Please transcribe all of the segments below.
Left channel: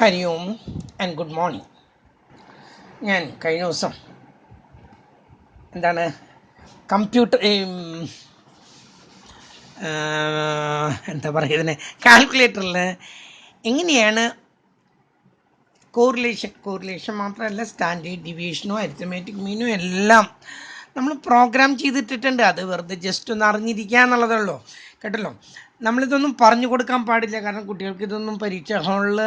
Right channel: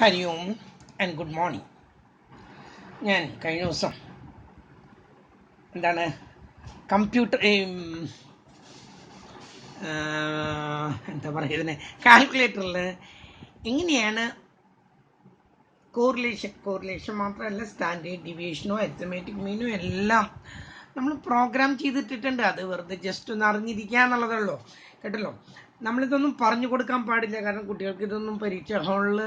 Hari ohm and good morning. ഞാൻ കഴിഞ്ഞ ദിവസം എന്താണ് കമ്പ്യൂട്ടർ എന്താ പറയുക ഇതിനെ കാൽക്കുലേറ്ററിൽ എങ്ങനെയാണ് കോറിലേഷൻ മാത്രമല്ല സ്റ്റാൻഡേർഡ് ഡീവിയേഷനും അരിത്തമാറ്റിക് മീനും എല്ലാം നമ്മൾ പ്രോഗ്രാം ചെയ്തിട്ടിട്ടുണ്ട്. അത് വെറുതെ ജസ്റ്റ് ഒന്ന് അറിഞ്ഞിരിക്കുക എന്നുള്ളതുള്ളൂ കേട്ടല്ലോ. നമ്മളിതൊന്നും പറഞ്ഞു കൊടുക്കാൻ പാടില്ല, കാരണം കുട്ടികൾക്ക് ഇതൊന്നും പരീക്ഷ ഹാളിൽ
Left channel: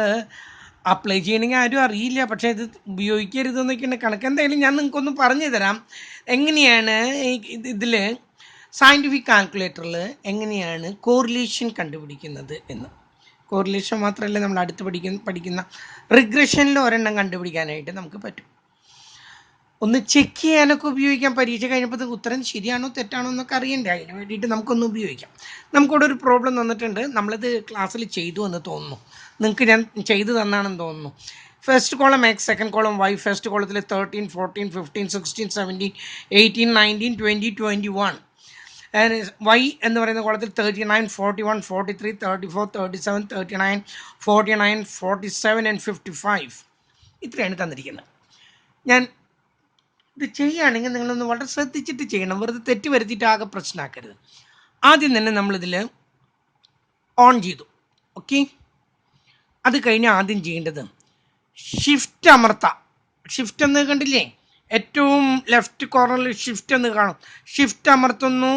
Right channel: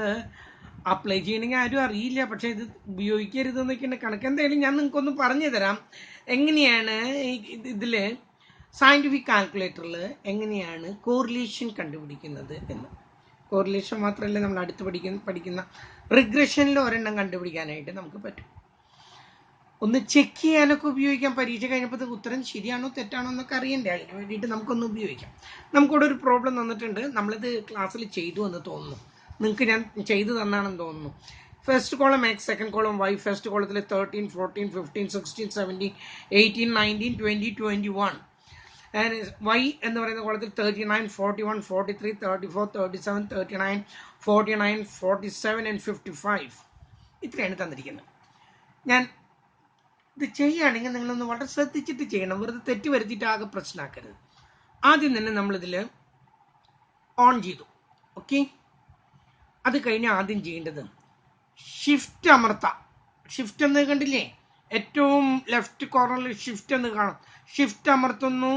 അപ്ലൈ ചെയ്യണമെങ്കിൽ ആരും അറിയില്ല. പക്ഷേ ഇത് ഉപയോഗിക്കരുതെന്നൊക്കെയാണ് കണക്ക്. എന്തായാലും ഞാൻ നിങ്ങൾക്കൊന്ന് പറഞ്ഞു തരാം എങ്ങനെയാണ് ഇതിൽ സയൻറ്റിഫിക് കാൽക്കുലേറ്ററിൽ എങ്ങനെയാണ് കോറിലേഷൻ കണ്ടുപിടിക്കുന്നത് എന്ന്. കോറിലേഷൻ മാത്രമല്ല, നമ്മൾ അടുത്ത് പഠിക്കുന്ന റിഗ്രഷനിൽ ഒരെണ്ണം കണ്ടുപിടിക്കാനായിട്ട് നമുക്ക് പറ്റും. ഒന്ന് ചെക്ക് ചെയ്യാനൊക്കെ ഉപയോഗിക്കാം. പരീക്ഷ കഴിഞ്ഞപ്പോൾ ഉത്തരം ശരിയാണോ തെറ്റാണോ എന്നൊക്കെ അറിയണ്ടേ, അതിന് വേണ്ടിയിട്ട് നമുക്കൊന്ന് ഉപയോഗിക്കാം. നമുക്കിവിടെ ഒരു പ്രോബ്ലം തന്നിട്ടുണ്ട്, നമ്മളത് ക്ലാസ്സിൽ ചെയ്തു എന്ന് തോന്നുന്നു. നിങ്ങൾക്ക് ഞാൻ ചെയ്തു തന്നാണെന്ന് തോന്നുന്നു. First column X, second column Y. First കോളത്തിൽ 13, 14, 15, 16, 17, 18, 19, 20, 21. വൈ എന്ന് പറയുന്ന കോളത്തിൽ 39, 41, 43, 34, 37, 39, 49, 47 ആൻഡ് 55. ഇത്രയാണ് തന്നിരിക്കുന്നത്. ഞാൻ ഇത് ചെയ്യുകയാണെങ്കിൽ നിങ്ങളൊന്ന് വളരെ ശ്രദ്ധിച്ചിട്ട് ചെയ്യണം, വെറുതെ തെറ്റ് വരുത്തിയിട്ട് ആകെ പ്രശ്നമാക്കരുത്. ആദ്യം തന്നെ നമ്മളിതിൽ ഓൺ ചെയ്തു. ഓക്കെ, അത് കഴിഞ്ഞ് ആദ്യം ചെയ്യേണ്ടത് ഷിഫ്റ്റ് അമർത്താം. ഷിഫ്റ്റ് എന്ന് കണ്ടില്ലേ, ഏറ്റവും ലെഫ്റ്റ് കോർണറിൽ ഷിഫ്റ്റ് എന്ന് കാണും. ഷിഫ്റ്റ് അമർത്തുന്നു,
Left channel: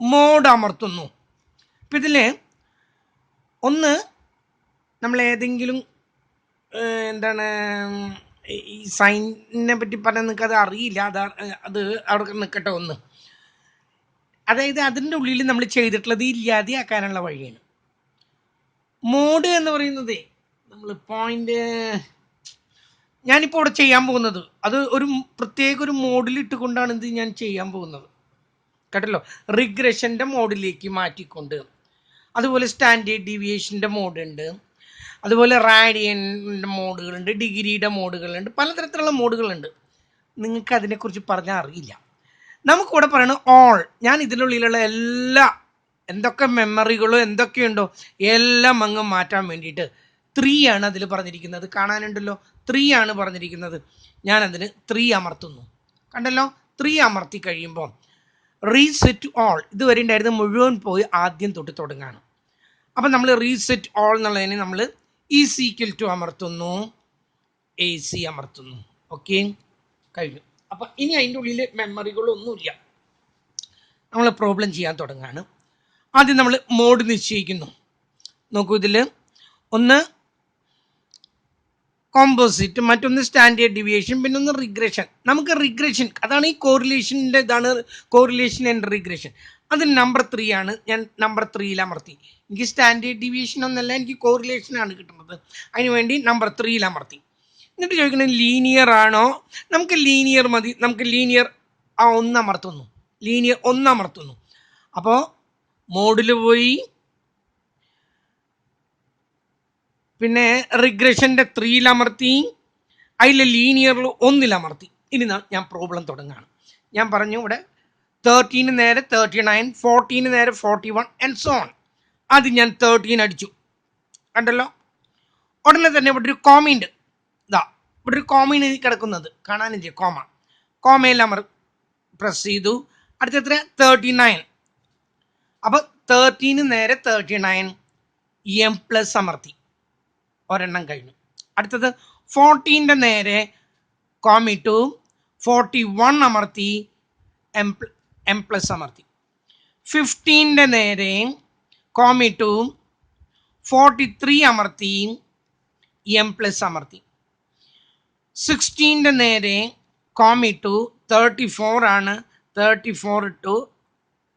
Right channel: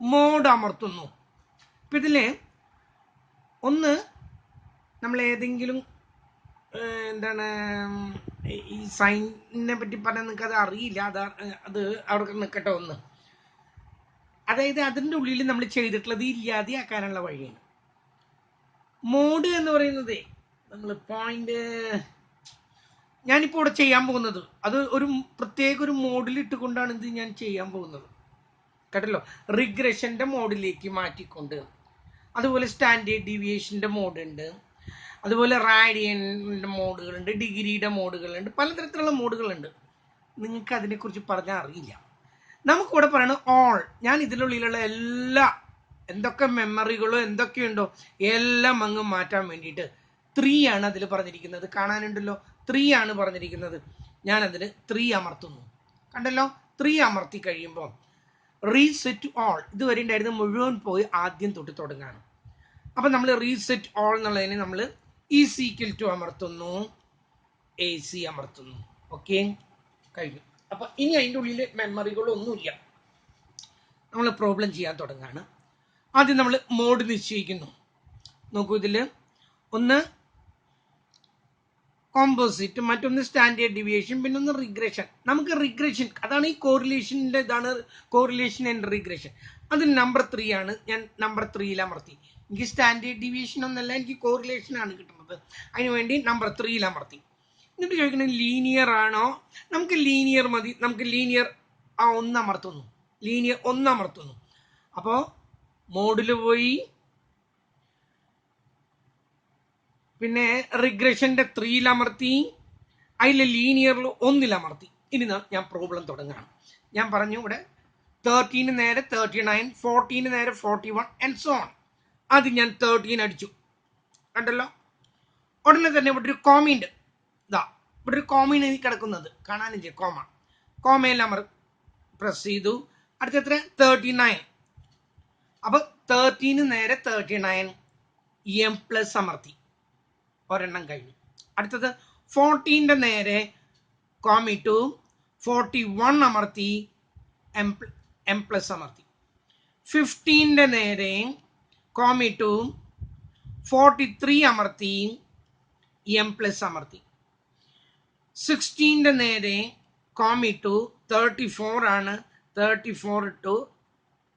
മോഡ് അമർത്തുന്നു. അപ്പം ഇതിൽ ഒന്ന് നമ്മൾ ഏതെങ്കിലും എന്താണ് ഈ സൈനിനെ പറ്റി പറഞ്ഞാൽ നിങ്ങൾക്ക് അത് അറിയില്ല, അത് അവിടെ നിൽക്കട്ടെ. ഒന്ന്, അതായത് അതിൻ്റെ ഉള്ളിൽ നമ്മൾ ചെയ്തിട്ടുള്ളത് ഇല്ലാതെയാക്കാനുള്ള വഴിയാണ്. മോഡ് എന്ന് പറയുന്നത് നമ്മൾ പോയിന്റ് ഞാനിപ്പോൾ ഇവിടെ ചെയ്യാൻ പോകുന്നത് അത് ഒരു പ്രത്യേക ഒരു മോഡിൽ ഇട്ടുകൊണ്ടാണ് ഇത് ഞാൻ ചെയ്യാൻ പോകുന്നത് കേട്ടല്ലോ. റിഗ്രഷൻ്റെ മോഡിലേക്ക് മാറ്റിക്കൊണ്ട്, അതുപോലെ സ്റ്റാൻഡേർഡ് ഡീവിയേഷൻ്റെ മോഡുണ്ട്, അതുപോലെ റാഡിയൻ്റെ മോഡുകളുണ്ട്, ഡിഗ്രിയുടെ മോഡുകളുണ്ട്, പലതരത്തിലുള്ള മോഡുകളുണ്ട്. നിങ്ങൾക്ക് അതിനെക്കുറിച്ച് പറഞ്ഞാൽ അറിയില്ല. നമുക്കിവിടെ പറയണത് ഓൾ. ഞാൻ ഇതിനുള്ളിലുള്ള എല്ലാ എന്തൊക്കെ മെമ്മറികളോ എന്തൊക്കെയുണ്ടോ എല്ലാം അങ്ങ് മാറ്റാൻ വേണ്ടിയിട്ട് 3 ആണ് അതിൽ പറഞ്ഞിരിക്കുന്നത്. കാണാനുണ്ടല്ലോ, 3 ആണ് പറഞ്ഞിരിക്കുന്നത്. ഞാനതിന് 3 അമർത്തുന്നു. കണ്ടല്ലോ, 3 അമർത്തി കഴിയുമ്പോൾ റീസെറ്റ് ഓൾ, ഇതുവരെ ഉണ്ടായിരുന്ന മുഴുവൻ പോയി ആദ്യം തൊട്ട് തുടങ്ങാണ്. അപ്പം നമ്മൾ റീസെറ്റ് ഓൾ എന്നുള്ളതിന് നമ്മൾ ഈക്വൽ അമർത്തുന്നു, AC അമർത്തുന്നു. ഓക്കെ, കഴിഞ്ഞു. അപ്പം ഇനി അതിൻ്റെ ഉള്ളിൽ മെമ്മറികളൊന്നുമില്ല. നമ്മൾ പ്രോബ്ലം ചെയ്യാൻ തുടങ്ങുകയാണ്. ആദ്യം നമ്മൾ മോഡ് നിശ്ചയിക്കുന്നു. നോക്കൂ, ഇതിൽ ഒന്ന് കോമ്പോസിറ്റ്, മറ്റൊന്ന് സ്റ്റാൻഡേർഡ് ഡീവിയേഷൻ, പിന്നെ ഒന്ന് റിഗ്രഷൻ. നമുക്ക് റിഗ്രഷൻ, അതാണ് ഈ കോറിലേഷൻ്റെ ഇതാണ് കോറിലേഷൻ ആൻഡ് റിഗ്രഷൻ. അതിന് നമ്പർ 3 ആണ്. ഞാൻ നമ്പർ 3 അമർത്തി. എനിക്ക് സ്റ്റാൻഡേർഡ് ഡീവിയേഷൻ ഒന്നല്ല, എനിക്ക് കോറിലേഷനാണ് കിട്ടുന്നത്. അതിനുവേണ്ടി നമ്പർ 3 അമർത്തി. എന്നിട്ട് ചോദിക്കുന്നത് ലീനിയർ ആണോ? നമുക്ക് ലീനിയർ മതി. നമുക്ക് ലീനിയർ 1 അമർത്തുന്നു. ലീനിയർ 1 അമർത്തുന്നു. അപ്പോൾ മോഡിൽ പോയി, പിന്നെ റിഗ്രഷൻ്റെ 3 അമർത്തി, അതിൽ ലീനിയറിൽ 1 അമർത്തി. ഇനി ഞാൻ പ്രോബ്ലം തുടങ്ങുകയാണ്. ഞാൻ പറഞ്ഞു ഇവിടെ 13 നേരെ 39, 14 നേരെ 41 ആൻഡ് സോ ഓൺ. ആദ്യം ഞാൻ 13 അടിച്ചു. കണ്ടല്ലോ, ഉടനെ തന്നെ ഇവിടെ ഒരു കോമയുണ്ട്. ഇതാ ഇവിടെ ഒരു കോമയാണ് കിടക്കുന്നത്, കാണാനില്ലേ കോമ. കോമയിൽ പ്രസ് ചെയ്തു. അടുത്ത 39. അപ്പോൾ 13 നേരെ 39 M+ അമർത്തി, ഒരെണ്ണം കഴിഞ്ഞു. അടുത്തത് 14 നേരെ കോമിട്ടു 41 അമർത്തി, M+ അമർത്തി. 15 നേരെ കോമിട്ടു 43 അമർത്തി, M+ അമർത്തി. 16 നേരെ കോമിട്ടു 34 ആണ്, 34 ഇട്ടു,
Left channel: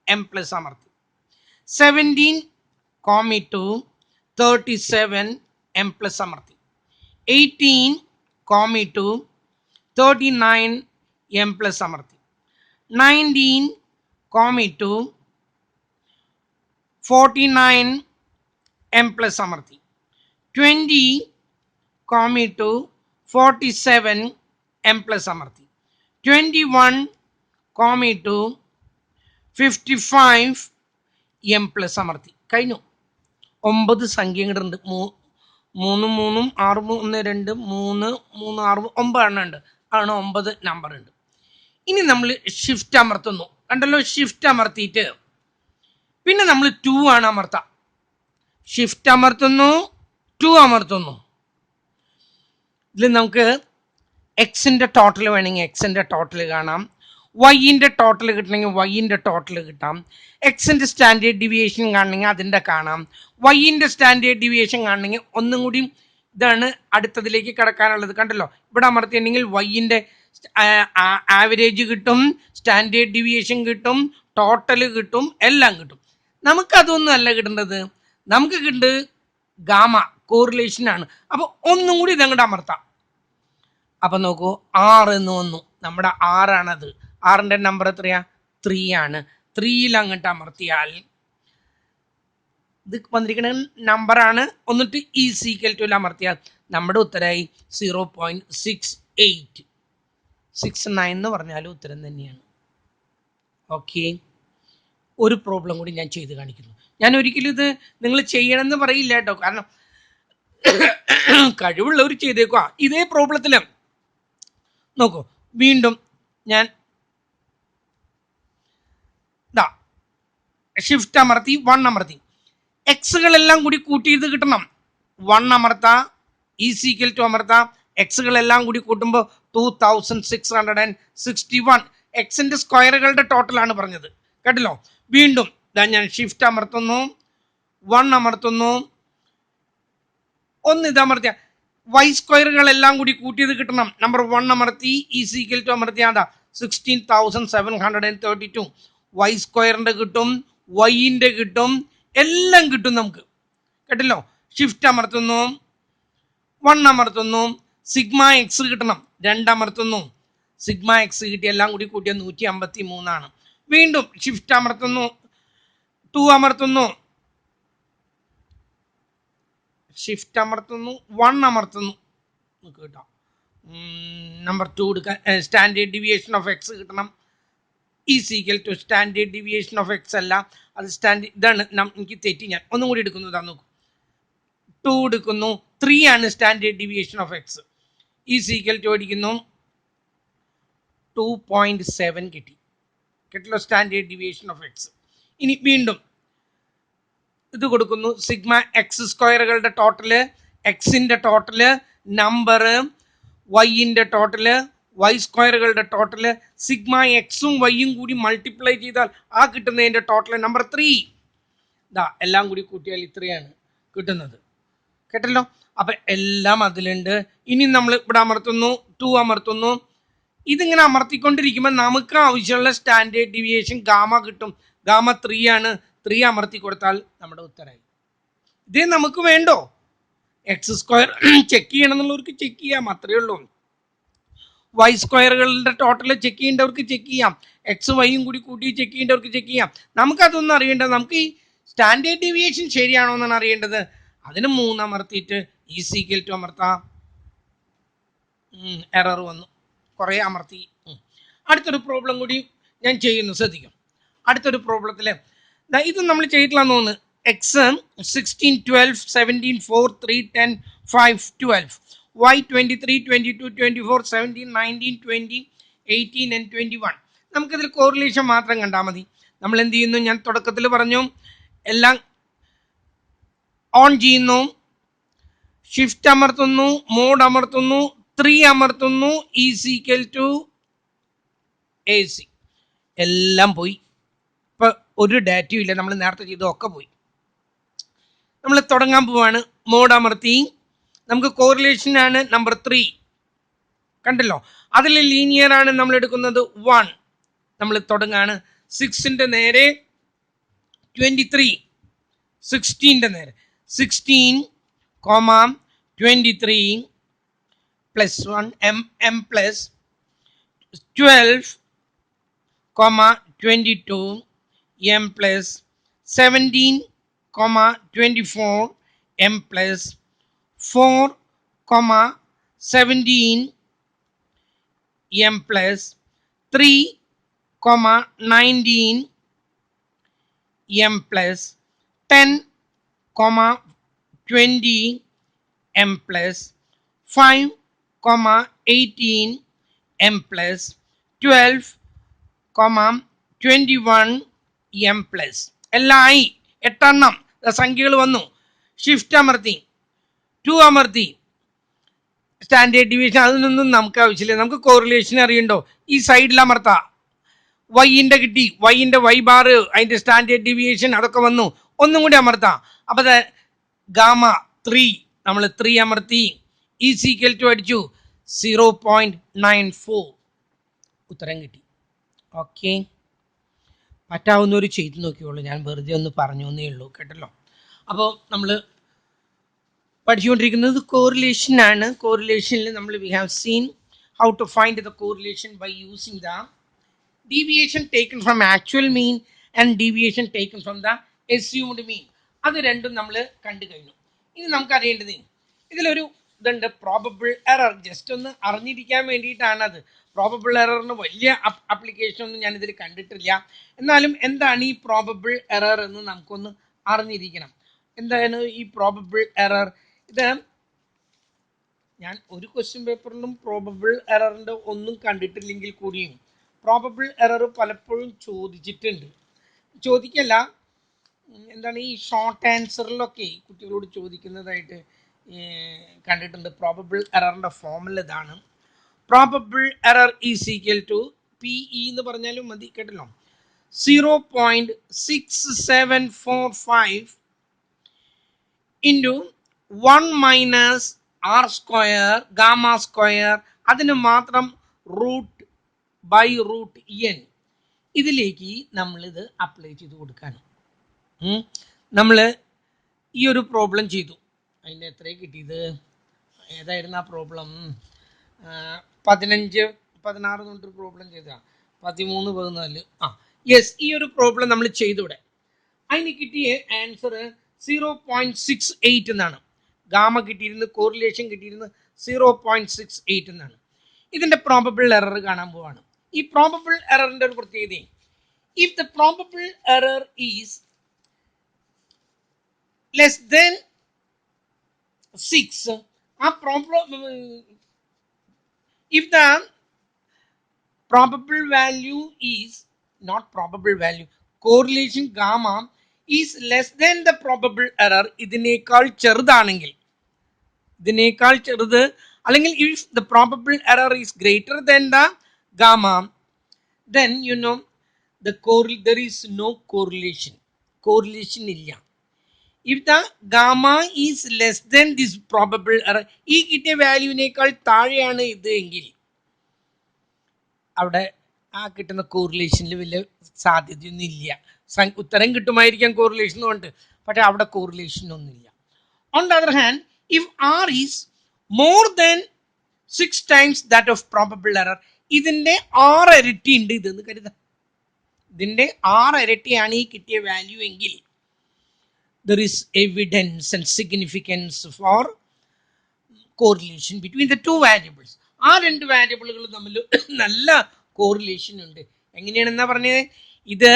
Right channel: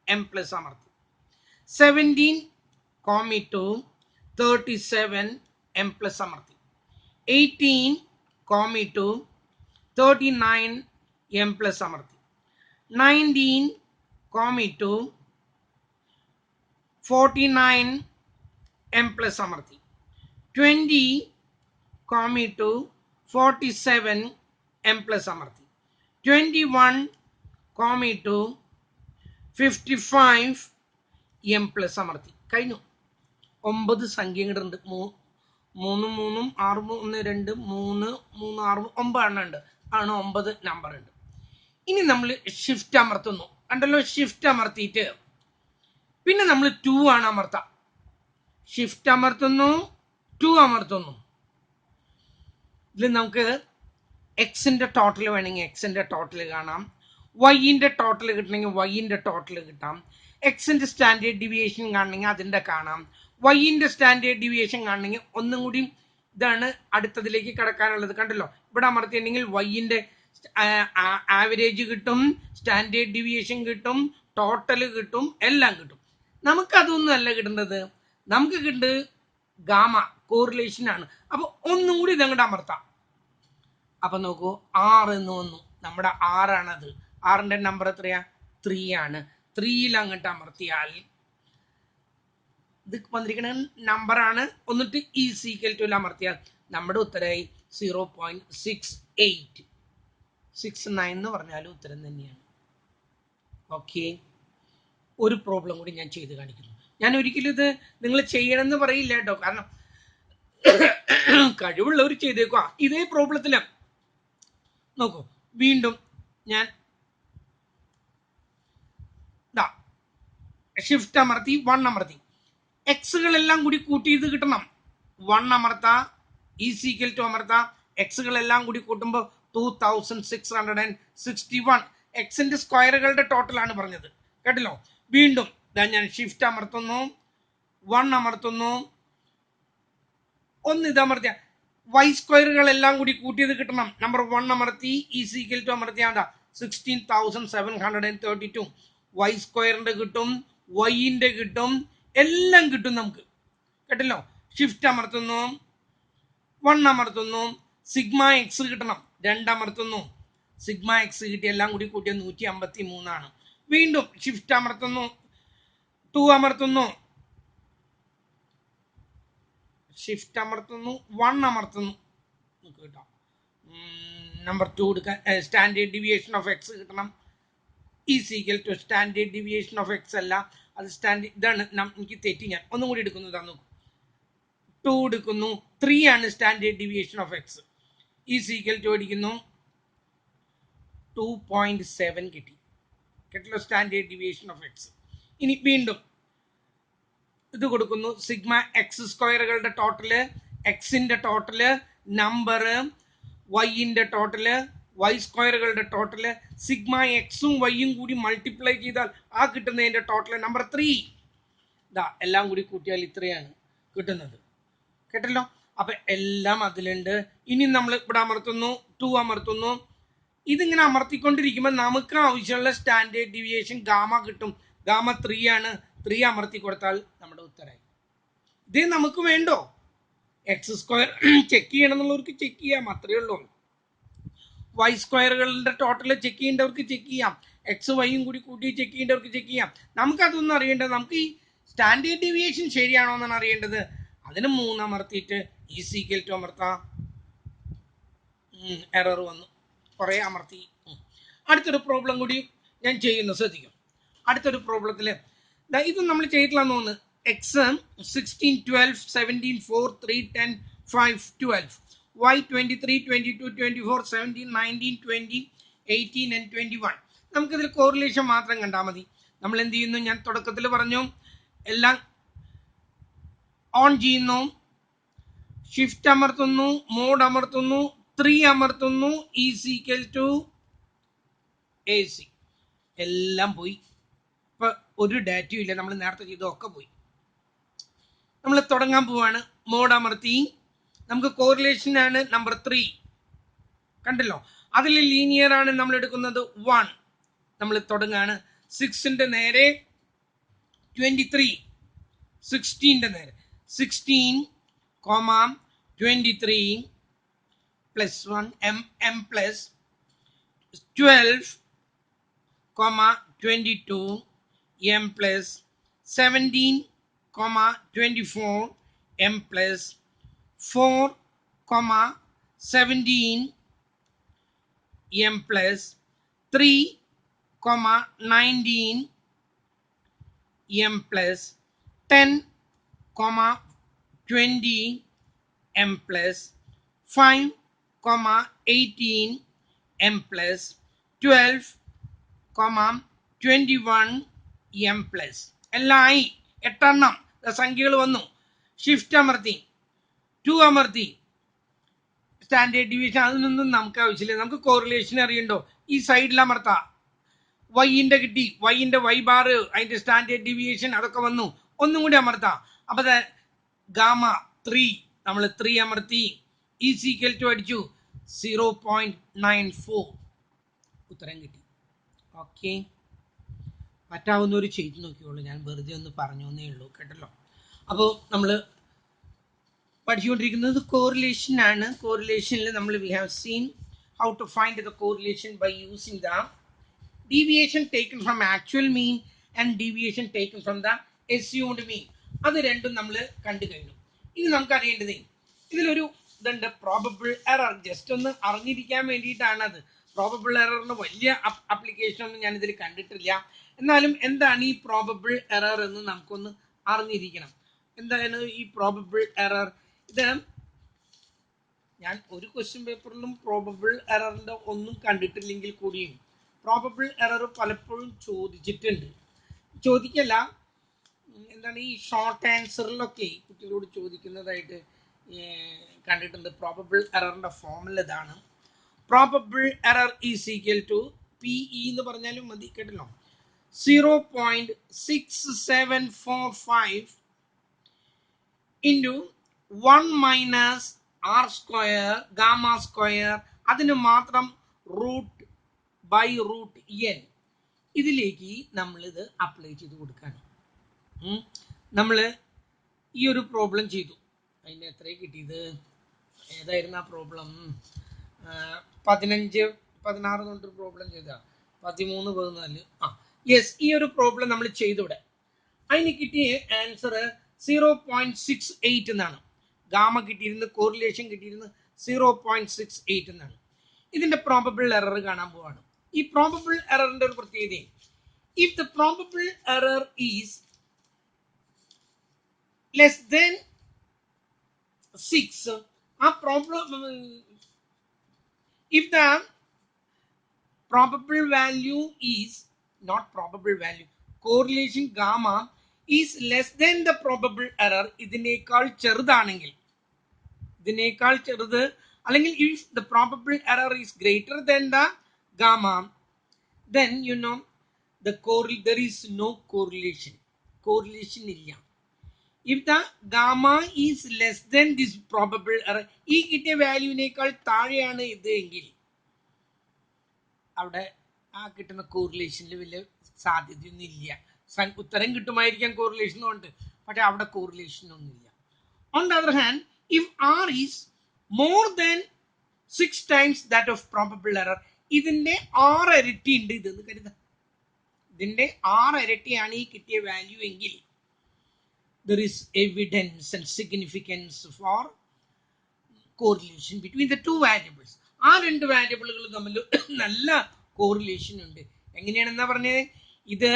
M+ അമർത്തി. 17 കോമിട്ടു 37 M+ അമർത്തി. 18 കോമിട്ടു 39 M+ അമർത്തി. 19 കോമിട്ടു 49 M+ അമർത്തി. 20 കോമിട്ടു 47 M+ അമർത്തി. 21 കോമിട്ടു 55 M+ അമർത്തി. കഴിഞ്ഞു. 9 സംഖ്യകളുണ്ട്. 3 3 6 1 2 3 3 6 9 എണ്ണം ഉണ്ട്. ആണ് 9 നമ്പർ ഉണ്ട്. ഇനി നമ്മൾ ഷിഫ്റ്റ് അമർത്തുന്നു. കണ്ടല്ലോ, ഷിഫ്റ്റ് അമർത്തിയിട്ട് പിന്നെ നമ്മൾ 2 ആണ് അമർത്താം. ഷിഫ്റ്റ് അമർത്തുന്നു, 2 അമർത്തുന്നു. ഇതിൽ നമുക്ക് എക്സിൻ്റെ ടോട്ടൽ വേണമെങ്കിൽ എക്സിൻ്റെ ടോട്ടൽ കാണാം, വൈൻ്റെ ടോട്ടൽ കിട്ടണമെങ്കിൽ വൈൻ്റെ ടോട്ടൽ കിട്ടാം, എക്സിൻ്റെ സ്റ്റാൻഡേർഡ് ഡീവിയേഷൻ കാണണമെങ്കിൽ അതിൻ്റെ കാണാം, വൈൻ്റെ സ്റ്റാൻഡേർഡ് ഡീവിയേഷൻ കാണണമെങ്കിൽ ഒന്നും കൂടി ഇതാണ് അടുത്തതിലേക്ക് കിടക്കാനുള്ളത്. കണ്ടല്ലോ, ഇവിടെ അമർത്തിയിട്ടുണ്ടെങ്കിൽ വൈൻ്റെ ആവറേജ് കിട്ടും, സ്റ്റാൻഡേർഡ് ഡീവിയേഷൻ കിട്ടും, ടോട്ടൽ കിട്ടും, എല്ലാം കിട്ടും. നമുക്കതൊന്നും അല്ല കിട്ടേണ്ടത്, നമുക്ക് കിട്ടുന്നത് ഗാമ കോറിലേഷനാണ്. അപ്പോൾ ഒന്നും കൂടി ഇതങ്ങോട്ട് അമർത്താം. അപ്പം നോക്കൂ, 6 എന്ന് വന്നു. നമ്മുടെ 6ആണത്. 6ൻ്റെ നമ്പർ എത്രയാ? 3 ആണ്. 3യിൽ അങ്ങോട്ട് അമർത്തിയാൽ ഇത് വന്നിരിക്കുന്ന നമ്പറാണ്. എന്നിട്ട് ഈക്വൽ ടു അമർത്തിയാൽ നമ്മുടെ ഉത്തരമായി 0.6869 എന്ന് പറഞ്ഞാലും ഉത്തരം തന്നെയാണ്. ഓക്കെ, ഒരു പ്രോബ്ലം കൂടി ഞാൻ ചെയ്ത് കാണിക്കുന്നു. ഞാൻ ഒരിക്കലും ഇത് നിങ്ങൾ ചെയ്യണമെന്ന് പറയില്ല കേട്ടോ, കാരണം കഴിവുള്ളവർ ചെയ്തേക്കുക. ഇതേ പ്രോബ്ലത്തിൽ നോക്കൂ, വീണ്ടും ഞാൻ ഷിഫ്റ്റ് അമർത്തി 1 അമർത്തി. എക്സുകളെല്ലാം കൂടി കൂട്ടിയത് കിട്ടണം. 1 അമർത്താ, ഈക്വൽ ടു അമർത്താ, എക്സുകളെല്ലാം കൂടി കൂട്ടുമ്പോൾ 2661. എക്സിൻ്റെ സ്ക്വയറുകളുടെ ടോട്ടലാണ് പറഞ്ഞത്. കേട്ടല്ലോ, വീണ്ടും ഞാൻ ഷിഫ്റ്റ് അമർത്തുന്നു, 1 അമർത്തുന്നു, ഒന്ന് ഇത് അമർത്തിയ വൈ സ്ക്വയറുകളെല്ലാം കൂടി കൂട്ടിയത് കിട്ടണം. നമ്പർ 1 അമർത്തി, ഈക്വൽ ടു അമർത്തിയാ 16,732. വൈ സ്ക്വയറിൻ്റെ കിട്ടും, വൈൻ്റെ കിട്ടും, എല്ലാം കിട്ടും നമുക്ക്. കേട്ടല്ലോ, ഷിഫ്റ്റ് അമർത്തുന്നു, 1 അമർത്തുന്നു, സിഗ്മ എക്സ് കിട്ടണം, 2 അമർത്തുന്നു, സിഗ്മ എക്സ് കിട്ടി, എല്ലാം കൂടി കൂട്ടിയ 153. വീണ്ടും ഷിഫ്റ്റ് അമർത്തുന്നു, 2 അമർത്തുന്നു, ഷിഫ്റ്റ് അമർത്തുന്നു, 1 അമർത്തുന്നു, കിട്ടാം. നമ്പർ 2 എടുക്കാൻ സ്റ്റാൻഡേർഡ് ഡീവിയേഷൻ ഓഫ് എക്സ് കിട്ടണം. Equal to standard deviation of X അല്ല, അത് ഇതാണ്. എനിക്ക് തെറ്റി, ഞാൻ ഒന്നും കൂടി എടുക്കുന്നതാണ്. നോക്കൂ, 2 എടുക്കുന്നു, 3 ആണ് standard deviation of X. Equal to അടിക്കുന്നു, 2.7 കിട്ടി. കേട്ടല്ലോ, സ്റ്റാൻഡേർഡ് ഡീവിയേഷൻ ഓഫ് എക്സ്. ഇനി വീണ്ടും ഇത് കൊടുക്കുന്നു, സിഗ്മ എക്സ് സ്ക്വയറുകളുടെ ടോട്ടല്, എക്സിൻ്റെ ടോട്ടല്, നമ്പർ, വൈൻ്റെ ടോട്ടല്, വൈ സ്ക്വയറുകളുടെ ടോട്ടല്, സിഗ്മ എക്സും വൈയും കൂടി മൾട്ടിപ്ലൈ ചെയ്താൽ ആ കിട്ടുന്നതിൻ്റെ ടോട്ടൽ നമ്പർ 3. എല്ലാം കൂടി കൂട്ടിയാൽ ഇത്രയാണ് കിട്ടുന്നത്. കേട്ടല്ലോ, അപ്പം എല്ലാം അതിലുണ്ട്. ഇനി നമ്മൾ ഇവിടെ അമർത്തുന്നു, 2 അമർത്തുന്നു. ഇതിങ്ങനെ അമർത്തിക്കൊണ്ടിരിക്കുമ്പോൾ നമുക്ക് ആവശ്യമുള്ള സ്റ്റാൻഡേർഡ് ഡീവിയേഷൻ ഗാമ കിട്ടും. ഗാമ 3 ആണ്. 3 അമർത്തി കൊടുത്താൽ നമ്മുടെ ഉത്തരമായി. ഇതേ നമുക്ക് വേണ്ടോ? എക്സ് സ്ക്വയർ ചെക്ക് ചെയ്യണം എന്നുള്ളവർക്ക് ചെക്ക് ചെയ്യാം, അത്രയേ ഉള്ളൂ. വൈ സ്ക്വയറുകളുടെ ടോട്ടൽ ചെക്ക് ചെയ്യേണ്ടവർക്ക് ചെക്ക് ചെയ്യാം, എക്സ് വൈയും കൂടി കൂട്ടി ചെക്ക് ചെയ്യേണ്ടവർക്ക് ചെക്ക് ചെയ്യാം. നമുക്കതൊന്നും അറിയേണ്ടത്, നമുക്ക് ഈ സ്റ്റാൻഡേർഡ് ഡീവിയേഷൻ ശരിയാണോ എന്നാണ് അറിയേണ്ടത്. അതിന് 3 അമർത്തിയിട്ട് ഈക്വൽ ടു അമർത്താം. എറർ വന്നു, കുറേ അമർത്തി. അടുത്തൊരു പ്രോബ്ലം കൂടി ഞാൻ ചെയ്യുന്നു, ശ്രദ്ധിക്കും. അടുത്തൊരു പ്രോബ്ലത്തിൽ ഇത് നമ്മൾ ചെയ്തിട്ടില്ലാന്ന് തോന്നുന്നു. എക്സ് 16, 12, 17, 4, 3, 10, 5, 12. Y 23, 22, 24, 17, 19, 20, 18 and 21. നമുക്കിതിൽ കോറിലേഷൻ മാത്രം കണ്ടാൽ മതി. നമ്മൾ എന്ത് ചെയ്യുന്നു, ഞാൻ തുടക്കത്തിൽ പറഞ്ഞു, എല്ലാം ഓൺ ചെയ്യുന്നു, ഷിഫ്റ്റ് അമർത്തുന്നു, മോഡ് അമർത്തുന്നു, 3 അമർത്തുന്നു, ഈക്വൽ ടു AC. എല്ലാം പോയി. ഇപ്പം ഒരു ഡാറ്റയും ഇല്ല, നമ്മൾ നേരത്തെ ചെയ്തതൊക്കെ പോയി. നമ്മൾ തുടങ്ങാൻ പോവാണ്. മോഡ് അമർത്തി, നമുക്ക് കോറിലേഷനാണ് നമ്പർ 3. കണ്ടല്ലോ, അതിൽ ലീനിയർ ആണ് നമ്മൾ എടുക്കുന്നത് 1. നമ്മൾ തുടങ്ങാണ് 6ൻ്റെ നേരെ 23, 16ൻ്റെ നേരെ 16, 23 plus 1 m plus 12, 22 m plus 17, 24 m plus 4, 17 m plus 3, 19 m plus 10, 20 m plus 5 comma 18 m plus 12 comma 21 m plus എല്ലാം ആയി. 8 എണ്ണം സംഖ്യകൾ വന്നു. ഷിഫ്റ്റ് അമർത്തി 2 അമർത്തി. സ്റ്റാൻഡേർഡ് ഡിവിഷൻ അതിനൊന്നും നമുക്ക് ആവശ്യമില്ല. നമുക്ക് കോറിലേഷൻ അറിയണ്ടോ? ഈ സൈഡിൽ അമർത്താം. വൈൻ്റെ കിട്ടി, വൈൻ്റെ വൈ ബാർ, അതിൻ്റെ സ്റ്റാൻഡേർഡ് ഡീവിയേഷൻ അതൊക്കെ വന്നു. ഒന്നും കൂടി അമർത്താം. അപ്പോൾ ഗാമ 3 നമ്മൾ 3 അമർത്തി. ഈസ് ഈക്വൽ ടു അടിച്ചു 0.94 ഉത്തരം കിട്ടി. ഓക്കെ, പറ്റാവുന്നവർ ചെയ്ത് നോക്കിയോളൂ. ഞാൻ വെറുതെ ഒന്ന് പറഞ്ഞു എന്നേ ഉള്ളൂ, കേട്ടല്ലോ. അപ്പോൾ നമ്മൾ പഠിച്ചുകൊണ്ടിരിക്കുന്നത് കോറിലേഷൻ ആണ്. കോറിലേഷനിൽ നമ്മൾ we have seen how to find the correlation by using the deviation taken from actual mean and deviation taken from the assumed mean. അത് രണ്ടും നമ്മൾ കണ്ടു കഴിഞ്ഞു. ഇനി നമുക്ക് അറിയേണ്ടത് ഇതിലൊരു ഇതുണ്ട്, പ്രോബബിൾ എറർ. ജസ്റ്റ് ഒന്ന് അറിഞ്ഞിരിക്കാൻ വേണ്ടിയിട്ടാണ് അത്. പ്രോബബിൾ എററിന് വലിയ ആപ്ലിക്കേഷൻ ഒന്നും ഞാനിതിൽ കണ്ടിട്ടില്ല. എന്നാലും എന്താണ് ഈ പ്രോബബിൾ എറർ എന്ന് നമുക്കൊന്ന് അറിഞ്ഞിരിക്കണം. എന്താണ് ഈ പ്രോബബിൾ എറർ? ഇത് ഞാൻ ഒരു ക്വസ്റ്റ്യൻ പേപ്പറിലും പ്രോബബിൾ എററിൻ്റെ ഒന്നും കണ്ടിട്ടില്ലെങ്കിൽ കൂടിയും പ്രോബബിൾ എറർ പലപ്പോഴും ചോദിച്ചിട്ടുണ്ട്. ചോദിക്കല്ല, എന്താണ് ഈ ഷോർട്ട് ആൻസറിലൊക്കെ കുട്ടികളോട് ചോദിക്കുന്നതായിട്ട് കണ്ടിട്ടുണ്ട്. പ്രോബബിൾ എററിൻ്റെ ഫോമുല ഇതാണ്. Probable error is equal to PE എന്ന് പറഞ്ഞാലും മതി, കേട്ടല്ലോ. 0.6745 into 1 minus R square gamma square, അതിന് മാത്രം റൂട്ട് ബൈ റൂട്ട് n. ഇതിലേക്ക് നമ്മളിത് അപ്ലൈ ചെയ്ത് കൊടുക്കാണ്. നമ്മൾ ഈ ഒരു പ്രോബ്ലം ചെയ്തു. അതിൻ്റെ എത്രയാണ് കിട്ടിയത്? ഏതായിരുന്നു ആ പ്രോബ്ലം? 15 16 തൊട്ട് പ്രോബ്ലം ചെയ്തതാണ്. 13 14 യെസ്, ഈ ഒരു പ്രോബ്ലം നമ്മൾ ചെയ്തൂടെ. അതിന് കിട്ടിയ ആൻസർ 0.68 എന്നാണ്. ഗാമ കിട്ടിയിരുന്നത്, കോറിലേഷൻ കിട്ടിയിരുന്നത് 0.68 എന്നാണ്. ഇതിൻ്റെ പ്രോബബിൾ എറർ കാണാൻ പോവാണ്. ഈ പ്രോബബിൾ എററിൻ്റെ ഒരു പ്രത്യേകത, if the probable error is less than 6, ആ problem if the probable value is not probable value, correlation gamma is less than the probable error, ഇതിനേക്കാൾ ചെറുതാണെങ്കിൽ, ഇതിനേക്കാൾ ചെറുത് അല്ലെങ്കിൽ if the probable error is greater than the gamma, then you know there is no correlation. correlation ഇല്ല. if the gamma is less than this probable error, ഈ കിട്ടിയ വാല്യൂവിനേക്കാൾ താഴെയാണ് ഇത് എങ്കിൽ അവിടെ ആ കിട്ടുന്ന കോറിലേഷനിൽ വലിയ സാധ്യതയൊന്നും ഇല്ല. ഉത്തരം കിട്ടുമായിരിക്കാം കോറിലേഷൻ കൊണ്ട്, പക്ഷെ അവിടെ കോറിലേഷൻ ഒന്നുമില്ല. On the other hand, if R is more than 6 times that of probable error, ഇതിൻ്റെ 6 ഇരട്ടി ഉണ്ട് ഇതെന്ന് കരുതാം. ഇതിൻ്റെ 6 ഇരട്ടിയാണ് ഈ കിട്ടിയ വാല്യൂ എങ്കിൽ there is evidence and significance for correlation between the two variables. ആ രണ്ട് വാരിയബിളുകൾ തമ്മിൽ നല്ല കോറിലേഷൻ ഉണ്ട്. എങ്ങനെയാണെന്നാ പറഞ്ഞത്? ഇത്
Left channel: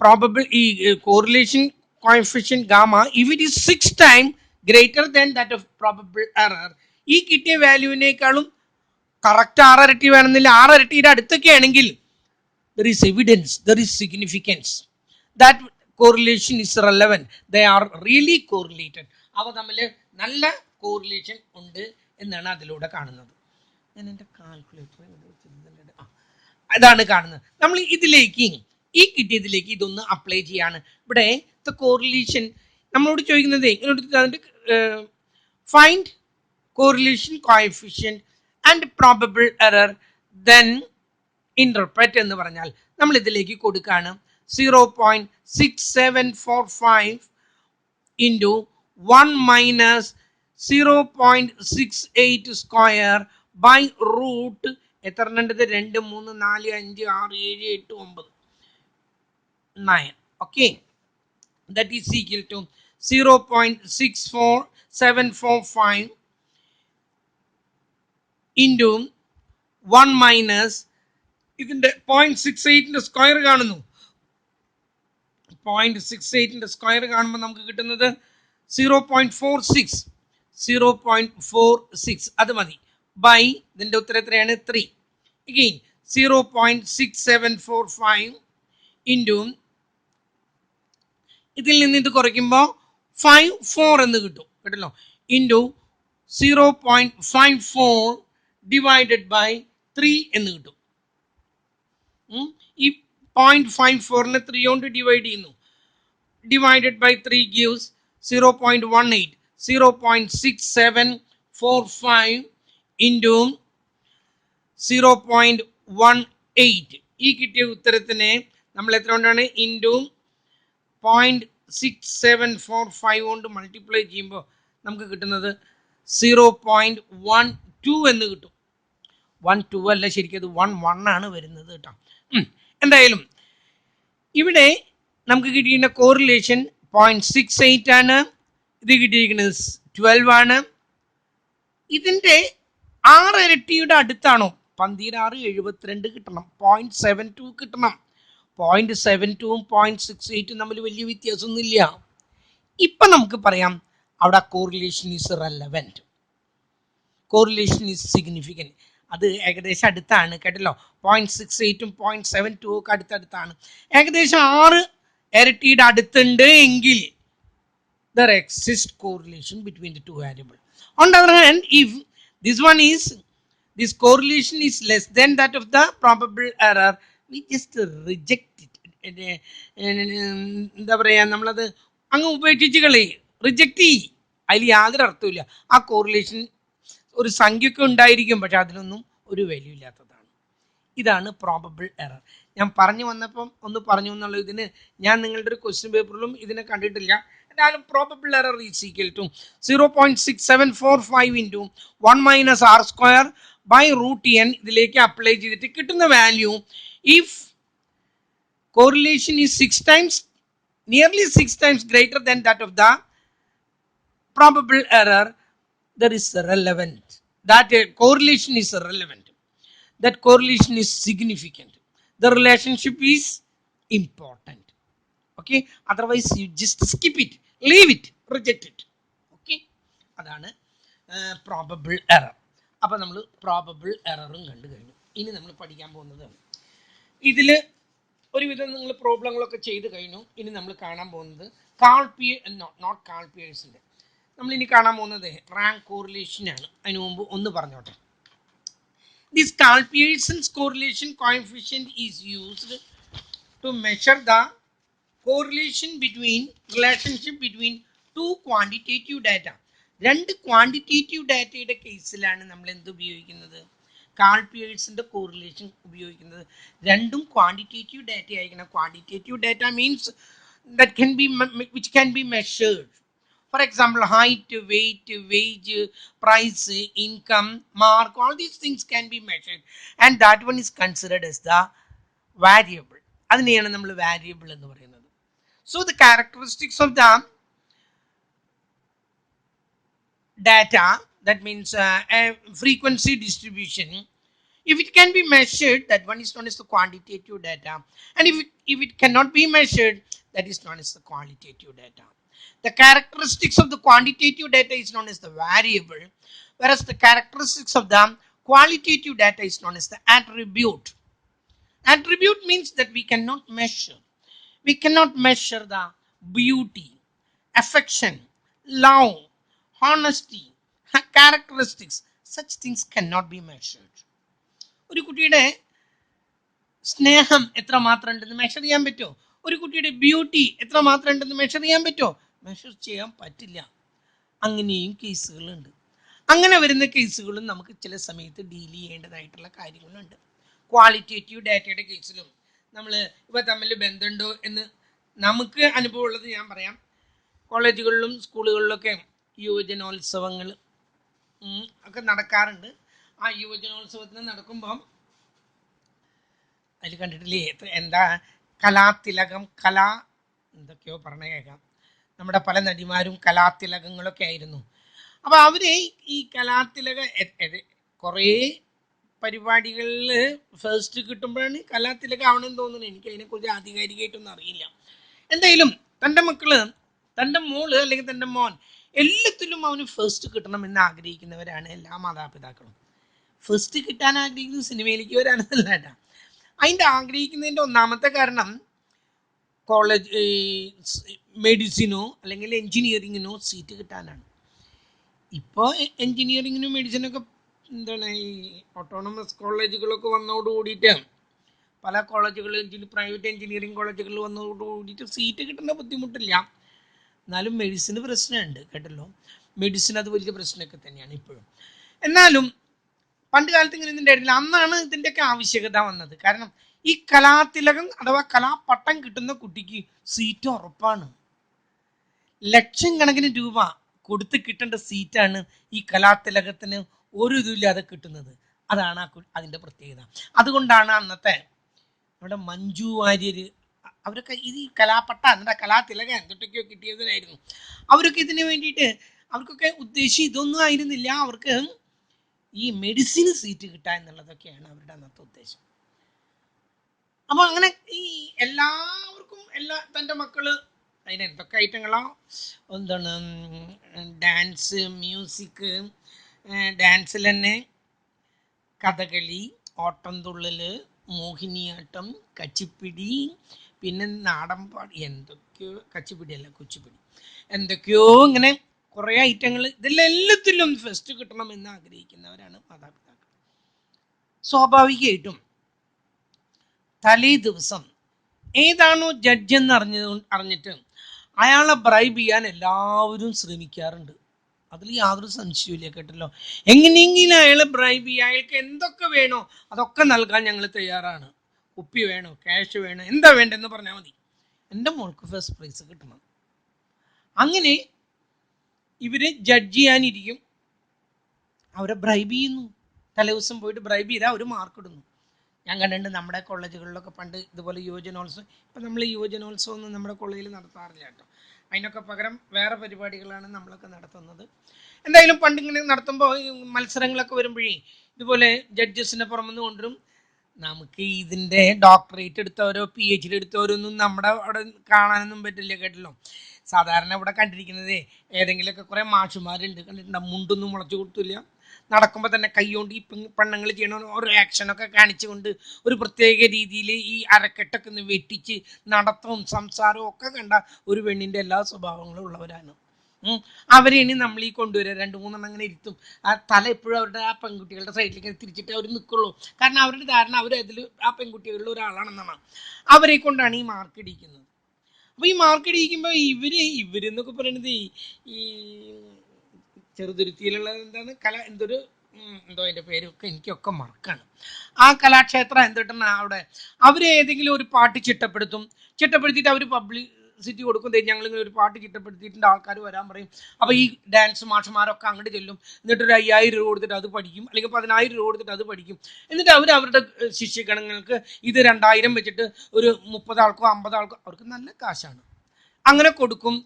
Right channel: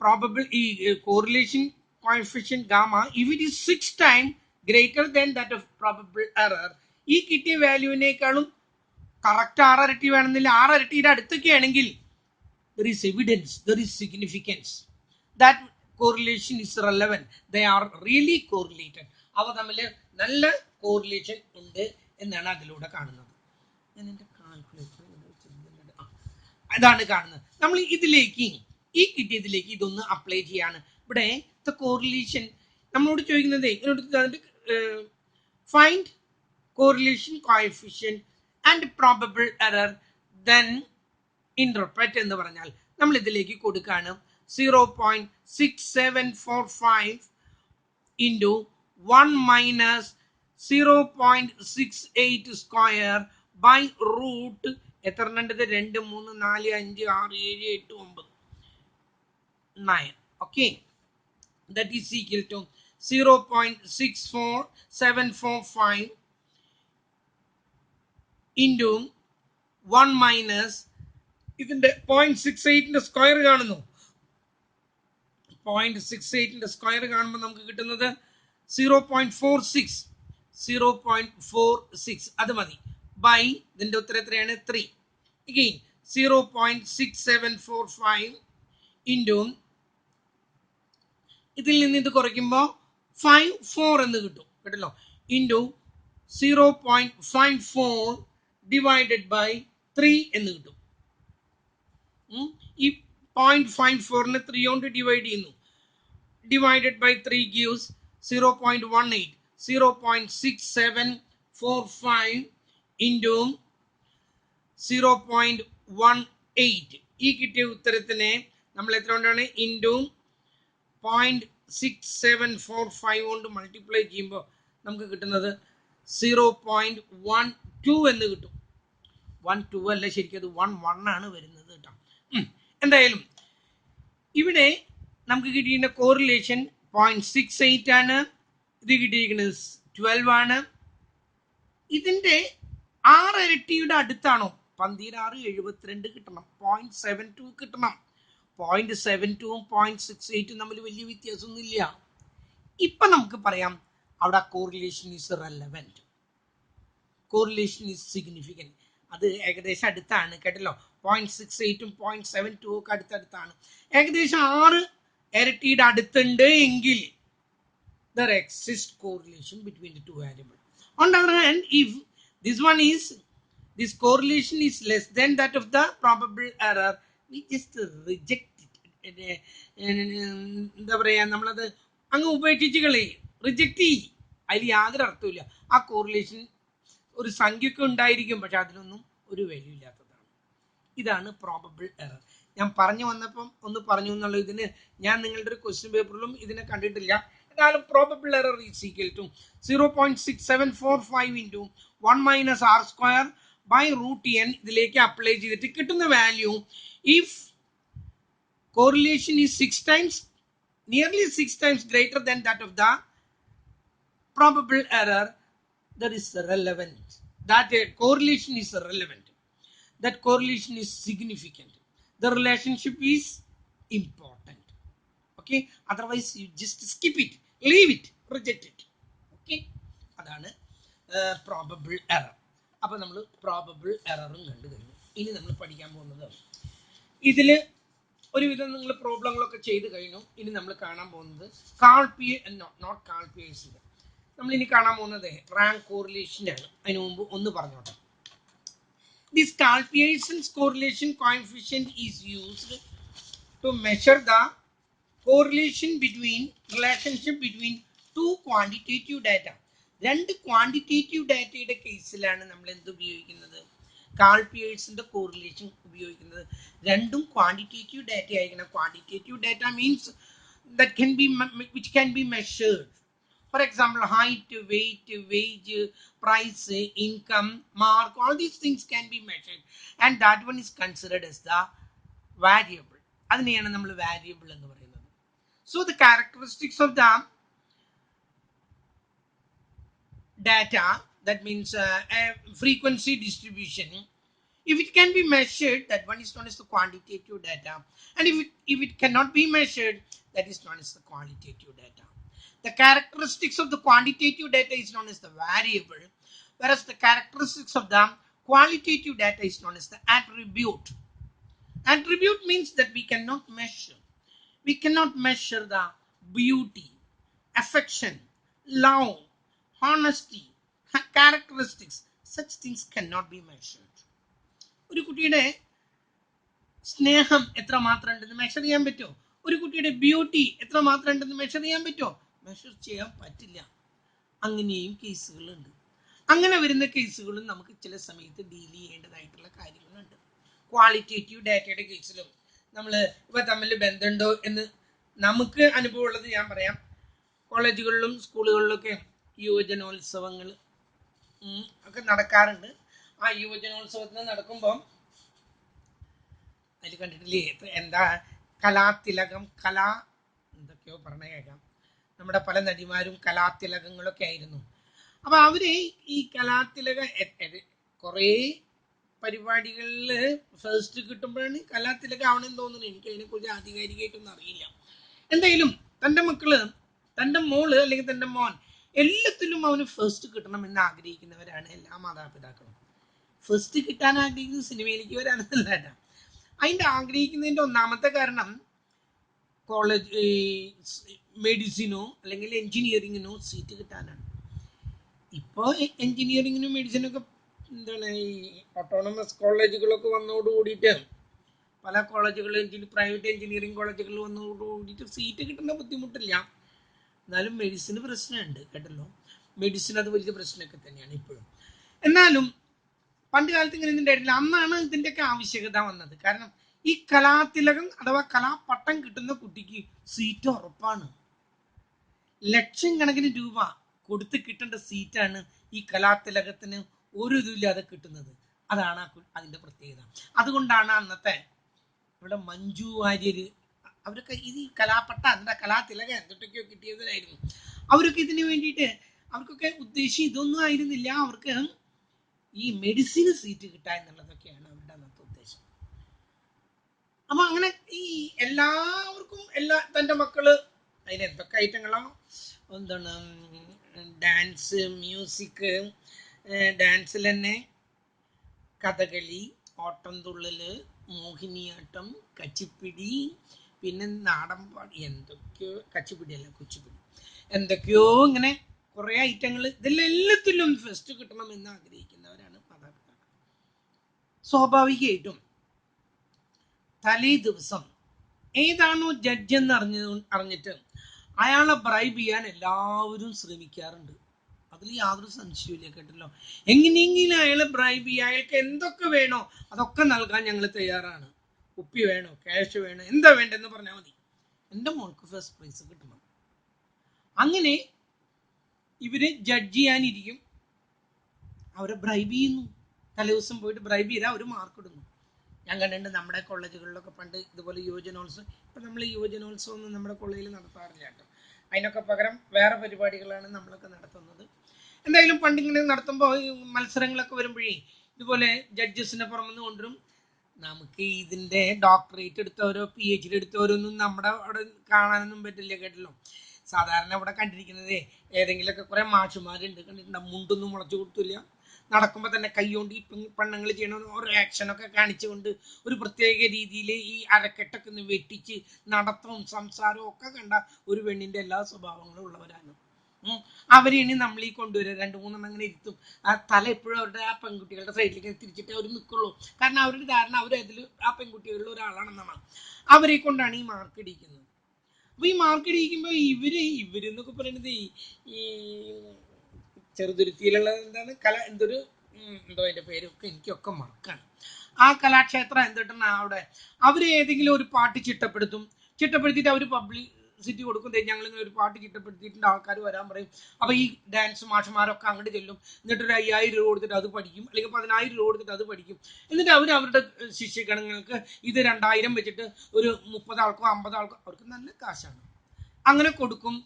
പ്രോബബിൾ ഈ correlation coefficient gamma if it is 6 times greater than that of probable error, ഈ കിട്ടിയ വാല്യൂവിനേക്കാളും കറക്റ്റ് 6 ഇരട്ടി വേണമെന്നില്ല, 6 ഇരട്ടിയുടെ അടുത്തൊക്കെ ആണെങ്കിൽ there is evidence, there is significance that correlation is relevant, they are really correlated. അവ തമ്മിൽ നല്ല കോറിലേഷൻ ഉണ്ട് എന്നാണ് അതിലൂടെ കാണുന്നത്. ഞാൻ എൻ്റെ കാൽക്കുലേറ്റർ അതാണ് കാണുന്നത്. നമ്മൾ ഇതിലേക്ക് ഈ കിട്ടിയതിലേക്ക് ഇതൊന്ന് അപ്ലൈ ചെയ്യാണ്. ഇവിടെ ദ കോറിലേഷൻ നമ്മളോട് ചോദിക്കുന്നത് ഇങ്ങോട്ട് find correlation coefficient and probable error then interpret എന്ന് പറഞ്ഞാൽ നമ്മൾ ഇതിലേക്ക് കൊടുക്കുകയാണ് 0.6745 into 1 minus 0.68 square by root എത്ര ഉണ്ട്? 2 3 4 5 6 7 8 9 9. okay, that is equal to 0.64745 into 1 minus ഇതിന്റെ 0.68 സ്ക്വയർ കാണുന്നു. 0.68 സ്ക്വയർ കാണുമ്പോൾ നമുക്ക് കിട്ടുന്നത് 0.46 0.46 അത് മതി ബൈ ഇതിൻ്റെ ഉത്തരം എത്രയാണ് 3 again 0.6745 ഇൻറ്റു ഇതിൽ നിന്ന് ഇത് കുറയ്ക്കുമ്പോൾ 54 എന്ന് കിട്ടും കേട്ടല്ലോ ഇൻറ്റു 0.54 ഡിവൈഡഡ് ബൈ 3 എന്ന് കിട്ടും ഈ 0.54നെ 3 കൊണ്ട് ഡിവൈഡ് ചെയ്യുന്നു ഡിവൈഡഡ് ബൈ 3 ഗീവ്സ് 0.18 0.6745 ഇൻറ്റു 0.18 ഈ കിട്ടിയ ഉത്തരത്തിനെ നമ്മൾ എത്ര കൊണ്ടാണ് ഇൻറ്റു 0.6745 കൊണ്ട് മൾട്ടിപ്ലൈ ചെയ്യുമ്പോൾ നമുക്ക് കിട്ടുന്നത് 0.12 എന്ന് കിട്ടും 12 അല്ല ശരിക്കും അത് 11 ആണ് വരുന്നത് കേട്ടോ എന്തായാലും ഇവിടെ നമുക്ക് കിട്ടിയിരിക്കുന്ന കോറിലേഷൻ 0.68 ആണ് ഇത് കിട്ടിയിരിക്കുന്നത് 12 ആണ് ഇതിൻ്റെ 6 ഇരട്ടിയുടെ അടുത്താണോ 12.672 കിട്ടണം 0.72 കിട്ടണം 0.72 0.68 തമ്മിൽ വലിയ വ്യത്യാസമൊന്നുമില്ല ഇപ്പം നമുക്ക് പറയാം അവിടെ correlation is relevant correlation is significant അത് ഏകദേശം അടുത്താണ് കേട്ടല്ലോ 0.68 0.72 ഒക്കെ അടുത്തടുത്താണ് ഏകദേശം 6 ഇരട്ടിയുടെ അടുത്തുണ്ട് എങ്കിൽ there exists correlation between the two variables. On the other hand, if this correlation is less than that of the probable error, we just reject it. എന്താ പറയുക നമ്മളത് അങ്ങ് ഉപേക്ഷിച്ച് കളയും റിജക്റ്റ് ചെയ്യും അതിൽ യാതൊരു അർത്ഥമില്ല ആ കോറിലേഷൻ ഒരു സംഖ്യയൊക്കെ ഉണ്ടായിരിക്കും പക്ഷെ അതിനൊന്നും ഒരു വാല്യൂ ഇല്ലാത്തതാണ് ഇതാണ് പ്രോബബിൾ എറർ ഞാൻ പറഞ്ഞു വന്നപ്പം ഒന്ന് പറഞ്ഞു എന്നുള്ള ഇതിന് ഞാൻ നിങ്ങളുടെ ഒരു ക്വസ്റ്റ്യൻ പേപ്പറിലും ഇതിനെ കണ്ടിട്ടില്ല എന്നാലും probable error is equal to 0.6745 into 1 minus R square by root N ഇതിലേക്ക് അപ്ലൈ ചെയ്തിട്ട് കിട്ടുന്ന value if correlation is 6 times nearly 6 times greater than that of the probable error that is relevant that correlation is relevant that correlation is significant the relationship is important okay otherwise you just skip it leave it reject it okay adana probable error appo nammal probable error kandu കഴിഞ്ഞു ഇനി നമ്മൾ പഠിക്കാൻ പോകുന്നത് ഇതിൽ ഒരുവിധം നിങ്ങൾ പ്രോബ്ലങ്ങളൊക്കെ ചെയ്ത് കഴിഞ്ഞു ഇനി നമ്മൾ കാണാൻ പോകുന്നത് നോട്ട് കാൾ പിയേഴ്സിൻ്റെ നമ്മൾ ഇനി കാണാൻ പോകുന്നത് റാങ്ക് കോറിലേഷനാണ് അതിനു മുമ്പ് ഒന്ന് പറഞ്ഞോട്ടെ this Karl Pearson's correlation coefficient is used to measure the correlation relationship between two quantitative data രണ്ട് ക്വാണ്ടിറ്റേറ്റീവ് ഡാറ്റയുടെ കേസിലാണ് നമ്മൾ എന്ത് ഉപയോഗിക്കുന്നത് കാൾ പിയേഴ്സിൻ്റെ കോറിലേഷൻ ഉപയോഗിക്കുന്നത് രണ്ടും ക്വാണ്ടിറ്റേറ്റീവ് ഡാറ്റ ആയിരിക്കണം quantitative data means which can be measured for example height weight wage price income mark all these things can be measured and that one is considered as the variable അതിനെയാണ് നമ്മൾ variable എന്ന് പറയുന്നത് so the characteristics of the data that means a frequency distribution if it can be measured that one is known as the quantitative data and if it cannot be measured that is known as the qualitative data the characteristics of the quantitative data is known as the variable whereas the characteristics of the qualitative data is known as the attribute attribute means that we cannot measure the beauty affection love honesty characteristics such things cannot be measured ഒരു കുട്ടിയുടെ സ്നേഹം എത്രമാത്രം ഉണ്ടെന്ന് measure ചെയ്യാൻ പറ്റുമോ ഒരു കുട്ടിയുടെ beauty എത്രമാത്രം ഉണ്ടെന്ന് മെഷർ ചെയ്യാൻ പറ്റുമോ മെഷർ ചെയ്യാൻ പറ്റില്ല അങ്ങനെയും കേസുകളുണ്ട് അങ്ങനെ വരുന്ന കേസുകളും നമുക്ക് ചില സമയത്ത് ഡീൽ ചെയ്യേണ്ടതായിട്ടുള്ള കാര്യങ്ങളുണ്ട് ക്വാളിറ്റേറ്റീവ് ഡാറ്റയുടെ കേസിലും നമ്മൾ ഇവ തമ്മിൽ ബന്ധമുണ്ടോ എന്ന് നമുക്ക് അനുഭവമുള്ളത് ഞാൻ പറയാം കോളേജുകളിലും സ്കൂളുകളിലൊക്കെ യുവജനോത്സവങ്ങൾ ഒക്കെ നടക്കാറുണ്ട് ആ യുവജനോത്സവത്തിന് നടക്കുമ്പം അതിൽ കണ്ടിട്ടില്ലേ എന്താ കലാതിലകം എന്തൊക്കെയോ പറഞ്ഞു കേൾക്കാം നമ്മുടെ പല നടിമാരും കലാതിലകങ്ങളൊക്കെ ആയിരുന്നു അപ്പോൾ അവർ ഈ കലാതിലക കുറേ പരിപാടികളിൽ ഫസ്റ്റ് കിട്ടുമ്പോഴാണ് കലാതിലക ആവണമെന്ന് തോന്നുന്നത് എനിക്ക് അതിനെക്കുറിച്ച് ആധികാരികമായിട്ടൊന്നും അറിയില്ല എന്തായാലും തൻ്റെ മക്കൾ തൻ്റെ മോള് അല്ലെങ്കിൽ തൻ്റെ മോൻ എല്ലാത്തിലും അവന് ഫസ്റ്റ് കിട്ടണമെന്ന് ആഗ്രഹിക്കുന്നവരാണ് എല്ലാ മാതാപിതാക്കളും. ഫസ്റ്റ് കിട്ടാൻ ആഗ്രഹിക്കുന്നത് സിനിമയിലേക്ക് വരാനല്ല. അതിൻ്റെ ആഗ്രഹിക്കുന്നതിൻ്റെ ഒന്നാമത്തെ കാരണം കോളേജ് മെഡിസിനോ അല്ലെങ്കിൽ എൻജിനീയറിങ്ങിനോ സീറ്റ് കിട്ടാനാണ്. ഇപ്പോൾ എൻജിനീയറിങ്ങിനും മെഡിസിനൊക്കെ എന്താണ് ഈ ഓട്ടോണമസ് കോളേജുകളൊക്കെ വന്നതോട് കൂടിയിട്ട് പല കോളേജുകളിൽ പ്രൈവറ്റ് എൻജിനീയറിംഗ് കോളേജുകളിൽ വന്നതോട് കൂടിയിട്ട് സീറ്റ് കിട്ടുന്ന ബുദ്ധിമുട്ടില്ല. എന്നാലും മെഡിസിന് പ്രശ്നമുണ്ട് കേട്ടല്ലോ. മെഡിസിൻ അത് വലിയ പ്രശ്നമൊക്കെ തന്നെയാണ് ഇപ്പോഴും. എന്നാലും പണ്ട് കാലത്ത് ഇങ്ങനെ ഉണ്ടായിരുന്നില്ല. അന്നാണ് ഇതിൻ്റെയൊക്കെ ആവശ്യകത വന്നത്. കാരണം ഈ കലാതിലകം അഥവാ കലാപട്ടം കിട്ടുന്ന കുട്ടിക്ക് സീറ്റ് ഉറപ്പാണ്. ലക്ഷം കണക്കിന് രൂപ കൊടുത്ത് കിട്ടേണ്ട സീറ്റാണ് ഈ കലാതിലകത്തിന് ഒരു ഇതുമില്ലാതെ കിട്ടുന്നത്. അതാണ് അതിൻ്റെ പ്രത്യേകത. അതുകൊണ്ടാണ് അന്നത്തെ നമ്മുടെ മഞ്ജു വാര്യർ അവരൊക്കെ ഇത് ഈ കലാപട്ട എന്നിട്ട് കലാതിലകം എന്തൊക്കെയോ കിട്ടിയതിനായിരുന്നു. അവരൊക്കെ ഇതിന് വേണ്ടിയിട്ട് അവർക്കൊക്കെ ഉദ്ദേശം ഇതൊന്നും ആയിരുന്നില്ല. അവർക്ക് ഈ മെഡിസിന് സീറ്റ് കിട്ടുക എന്നുള്ളതൊക്കെയാണ് അവരുടെ അന്നത്തെ ഉദ്ദേശം. അപ്പോൾ അങ്ങനെ ഈ എല്ലാവർക്കും തൻ്റെ മക്കള് അതിന് എന്തൊക്കെ ഐറ്റങ്ങളോ എന്താണ് ഡാൻസ്, മ്യൂസിക്, ഡാൻസിൽ തന്നെ കഥകളി, ഓട്ടംതുള്ളൽ, മോഹിനിയാട്ടം, കച്ചിപ്പിടി, പിന്നെ നാടൻപാടി, എന്തൊക്കെയോ കച്ചിപ്പിടിയല്ല കുച്ചിപ്പിടി, എന്തൊക്കെയോ ഇങ്ങനെ കുറേ ഐറ്റങ്ങൾ. ഇതിലെല്ലാത്തിലും ഫസ്റ്റ് കിട്ടണമെന്ന് ആഗ്രഹിക്കുന്നവരാണ് മാതാപിതാക്കൾ. സ്വാഭാവികമായിട്ടും തലേ ദിവസം ഏതാണോ ജഡ്ജ് എന്ന് അറിഞ്ഞിട്ട് അയാളെ ബ്രൈബ് ചെയ്യാൻ എല്ലാവരും ശ്രമിക്കാറുണ്ട്. അതിൽ യാതൊരു സംശയമില്ല കേട്ടല്ലോ. എങ്ങനെയെങ്കിലും അയാളെ ബ്രൈബ് ചെയ്യുക, അയാൾക്ക് എന്തൊക്കെ വേണോ അതൊക്കെ നൽകാൻ ഞങ്ങൾ തയ്യാറാണ്. കുപ്പി വേണോ, ക്യാഷ് വേണോ, എന്താ വേണ്ടെന്ന് പറഞ്ഞാൽ മതി, എൻ്റെ മോൾക്ക് ഫസ്റ്റ് പ്രൈസ് കിട്ടണം. അങ്ങനെ ഇവര് ജഡ്ജ് ചെയ്യാനിരിക്കും. അവരെ ബ്രൈബ് ചെയ്യുന്നു. തലേദിവസം പോയിട്ട് ബ്രൈബ് ചെയ്താൽ അവർ മാർക്ക് ഇടുന്നു. ഞാൻ കണ്ടിട്ടുണ്ട് നമ്മുടെ കോളേജുകളിലൊക്കെ പണ്ട് ഇതുപോലെ യുവജനോത്സവം. ഇപ്പം നമ്മൾ യുവജനോത്സവം ഒന്നും നമ്മുടെ കോളേജിൽ നടത്താറില്ല കേട്ടോ. അതിനൊക്കെ പകരം വേറെ പരിപാടികളാണ് നമ്മളൊക്കെ നടത്തുന്നത്. എന്തായാലും പണ്ടിങ്ങനെ നടത്തുമ്പോൾ മത്സരങ്ങളൊക്കെ വരുമ്പോഴേ ഇതുപോലെ ജഡ്ജസിനെ പുറമെന്ന് കൊണ്ടുവരും. നമുക്ക് ഇതിൻ്റെ ഡോക്ടറേറ്റ് എടുത്തവരോ PhD എടുത്തവരോ ഒന്നും നമ്മുടെ അവിടെ കാണാനൊന്നും പറ്റില്ല കേട്ടല്ലോ. സാധാരണ ഇവിടെ കണ്ടിരിക്കുന്നത് ഏതെങ്കിലുമൊക്കെ കുറേ മാഷുമാരുണ്ട്, കണ്ടിട്ടുണ്ടോ, മുണ്ടൊന്നും മുളച്ചു കൊടുത്തില്ല, നടക്കുമ്പോൾ തന്നെ കൈകൊണ്ട് ഈ പെണ്ണുങ്ങൾ ചെയ്യണ ഓരോ ആക്ഷനൊക്കെ കാണിച്ചുകൊണ്ട് ഒരു പ്രത്യേക രീതിയിൽ ഈ അരക്കെട്ടൊക്കെ ഒന്ന് വെട്ടിച്ച് നടത്തവും സംസാരവും ഒക്കെ കണ്ട ഒരു പെണ്ണിൻ്റെ എല്ലാ സ്വഭാവങ്ങളും ഉള്ളവരാണ്. അവരെയാണ് നമ്മൾ ഈ കൊണ്ടുവരിക. 2-3 അങ്ങനെ ഇരുത്തും. ആ തല എപ്പോഴും അവരുടെ ആ പെൺകുട്ടികളുടെ സൈഡിലേക്ക് തിരിച്ചിട്ട് അവർ നിൽക്കുള്ളൂ. കാരണം അവരുടെ ധാരണ അവരതിൽ ആ പെൺകുട്ടികളിൽ ഒരാളാണെന്നാണ്. അവരെ കൊണ്ടാണ് ഈ മാർക്ക് ഇടിക്കുന്നത്. അപ്പോൾ ഈ മാർക്ക് ഇടിക്കുമ്പോൾ ഇവരെന്നൊക്കെ പറയുന്നത് ഈ ചെറുതുരുത്തിയിലുള്ള എന്താണ് എന്തോ അതിൻ്റെ പേരൊക്കെ എനിക്കൊക്കെ മറക്കാണ്. ആ കലാക്ഷേത്രം എന്തിട്ടാണ് അവിടെ അവർ ഏതെങ്കിലും ഒരു പാട്ട് ചിട്ടപ്പെടുത്തിയിട്ട് അവർ പബ്ലിസിറ്റി കൊടുക്കും. ഞങ്ങളിങ്ങനെ ഒരു പാട്ട് ചിട്ടപ്പെടുത്തിയിട്ടുണ്ട്, ആൾക്കാർ വരാൻ പറയും. അപ്പോൾ ഈ ഡാൻസ് മാഷന്മാരൊക്കെ അങ്ങോട്ട് ചെല്ലും. എന്നിട്ടൊരു 5000 രൂപ കൊടുത്തിട്ട് അത് പഠിക്കും, അല്ലെങ്കിൽ 10000 രൂപ കൊടുത്തിട്ട് അത് പഠിക്കും. എന്നിട്ട് അവരുടെ ശിഷ്യഗണങ്ങൾക്ക് ഇത് 2000 വെച്ചിട്ട് ഒരു 30 ആൾക്കോ 50 ആൾക്കോ അവർക്ക് നല്ല കാശാണ് അങ്ങനെ കൊടുക്കും.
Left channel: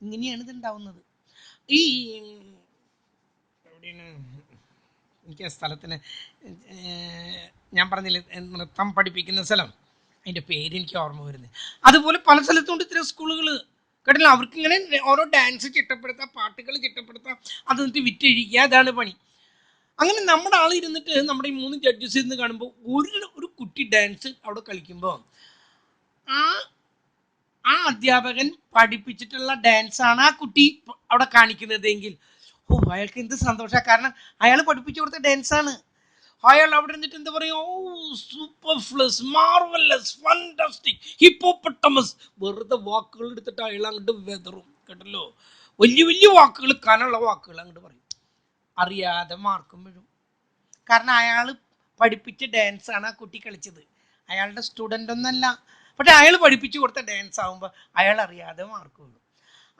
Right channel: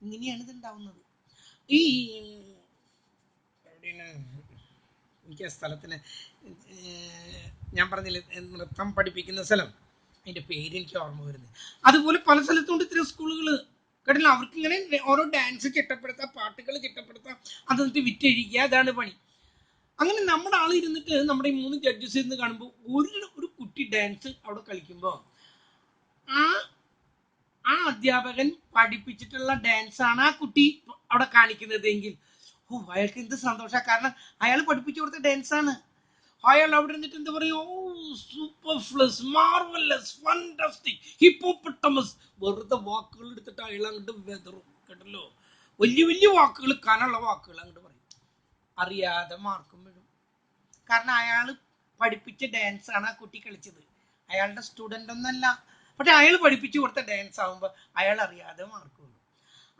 ഇങ്ങനെയാണ് ഇതുണ്ടാവുന്നത്. ഈ എനിക്ക് ആ സ്ഥലത്തിന് ഞാൻ പറഞ്ഞില്ലേ നൃത്തം പഠിപ്പിക്കുന്ന സ്ഥലം, അതിൻ്റെ പേര് എനിക്ക് ഓർമ്മ വരുന്നത്. അതുപോലെ പല സ്ഥലത്തുകൊണ്ട് ഇത്തരം സ്കൂളുകൾ കേട്ടില്ല. അവർക്ക് ഇങ്ങനെ ഓരോ ഡാൻസ് ചിട്ടപ്പെടുത്താം, പാട്ടുകൾ ചിട്ടപ്പെടുത്താം, അത് എന്നിട്ട് വിറ്റഴിക്കുക, അതാണ് പണി. അങ്ങനെ നമ്മുടെ ആൾ ഇരുന്നിട്ട് നമ്മുടെ ഈ 3 ജഡ്ജസ് ഇരുന്ന് കാണുമ്പോൾ ഒരു കുട്ടി ഡാൻസ് അവിടെ കളിക്കുമ്പോൾ ആ അധ്യാപകൻ പഠിപ്പിച്ചിട്ടുള്ള ഡാൻസാണ് ആ കുട്ടി അവിടെ കാണിക്കുന്നതെങ്കിൽ അയാൾക്ക് എന്ത് സന്തോഷമാണ്. കാരണം അയാൾ പഠിപ്പിച്ചു കൊടുത്ത ഡാൻസാണ്. അയാൾ അവിടെ ഇരുന്നിട്ട് എന്താ പറയുക, സൂപ്പർഫ്ലസ്, മാർവലസ്, ഫാന്റാസ്റ്റിക്, ഹിപ്പോപ്പൊട്ടമസ്, വെറുതെ വാക്കുകൾ എടുത്തിട്ട് അയാൾ അങ്ങോട്ട് വെതറും കേട്ടല്ലോ. വലിയ വലിയ വാക്കുകൾ, കനുള്ള വാക്കുകൾ അങ്ങോട്ട് പറയും. അറിയാതെ മാർക്കും വീഴും. കാരണം അയാൾ പഠിപ്പിച്ച ഡാൻസാണ് ആ കുട്ടി കളിച്ചത്. അയാളുടെ സ്റ്റുഡൻ്റ് ഒന്നല്ല, പക്ഷെ അയാൾ പഠിപ്പിച്ചു കൊടുത്ത ഡാൻസ് ആകുമ്പോൾ അയാൾ അറിയാതെ മാർക്ക് വീഴും.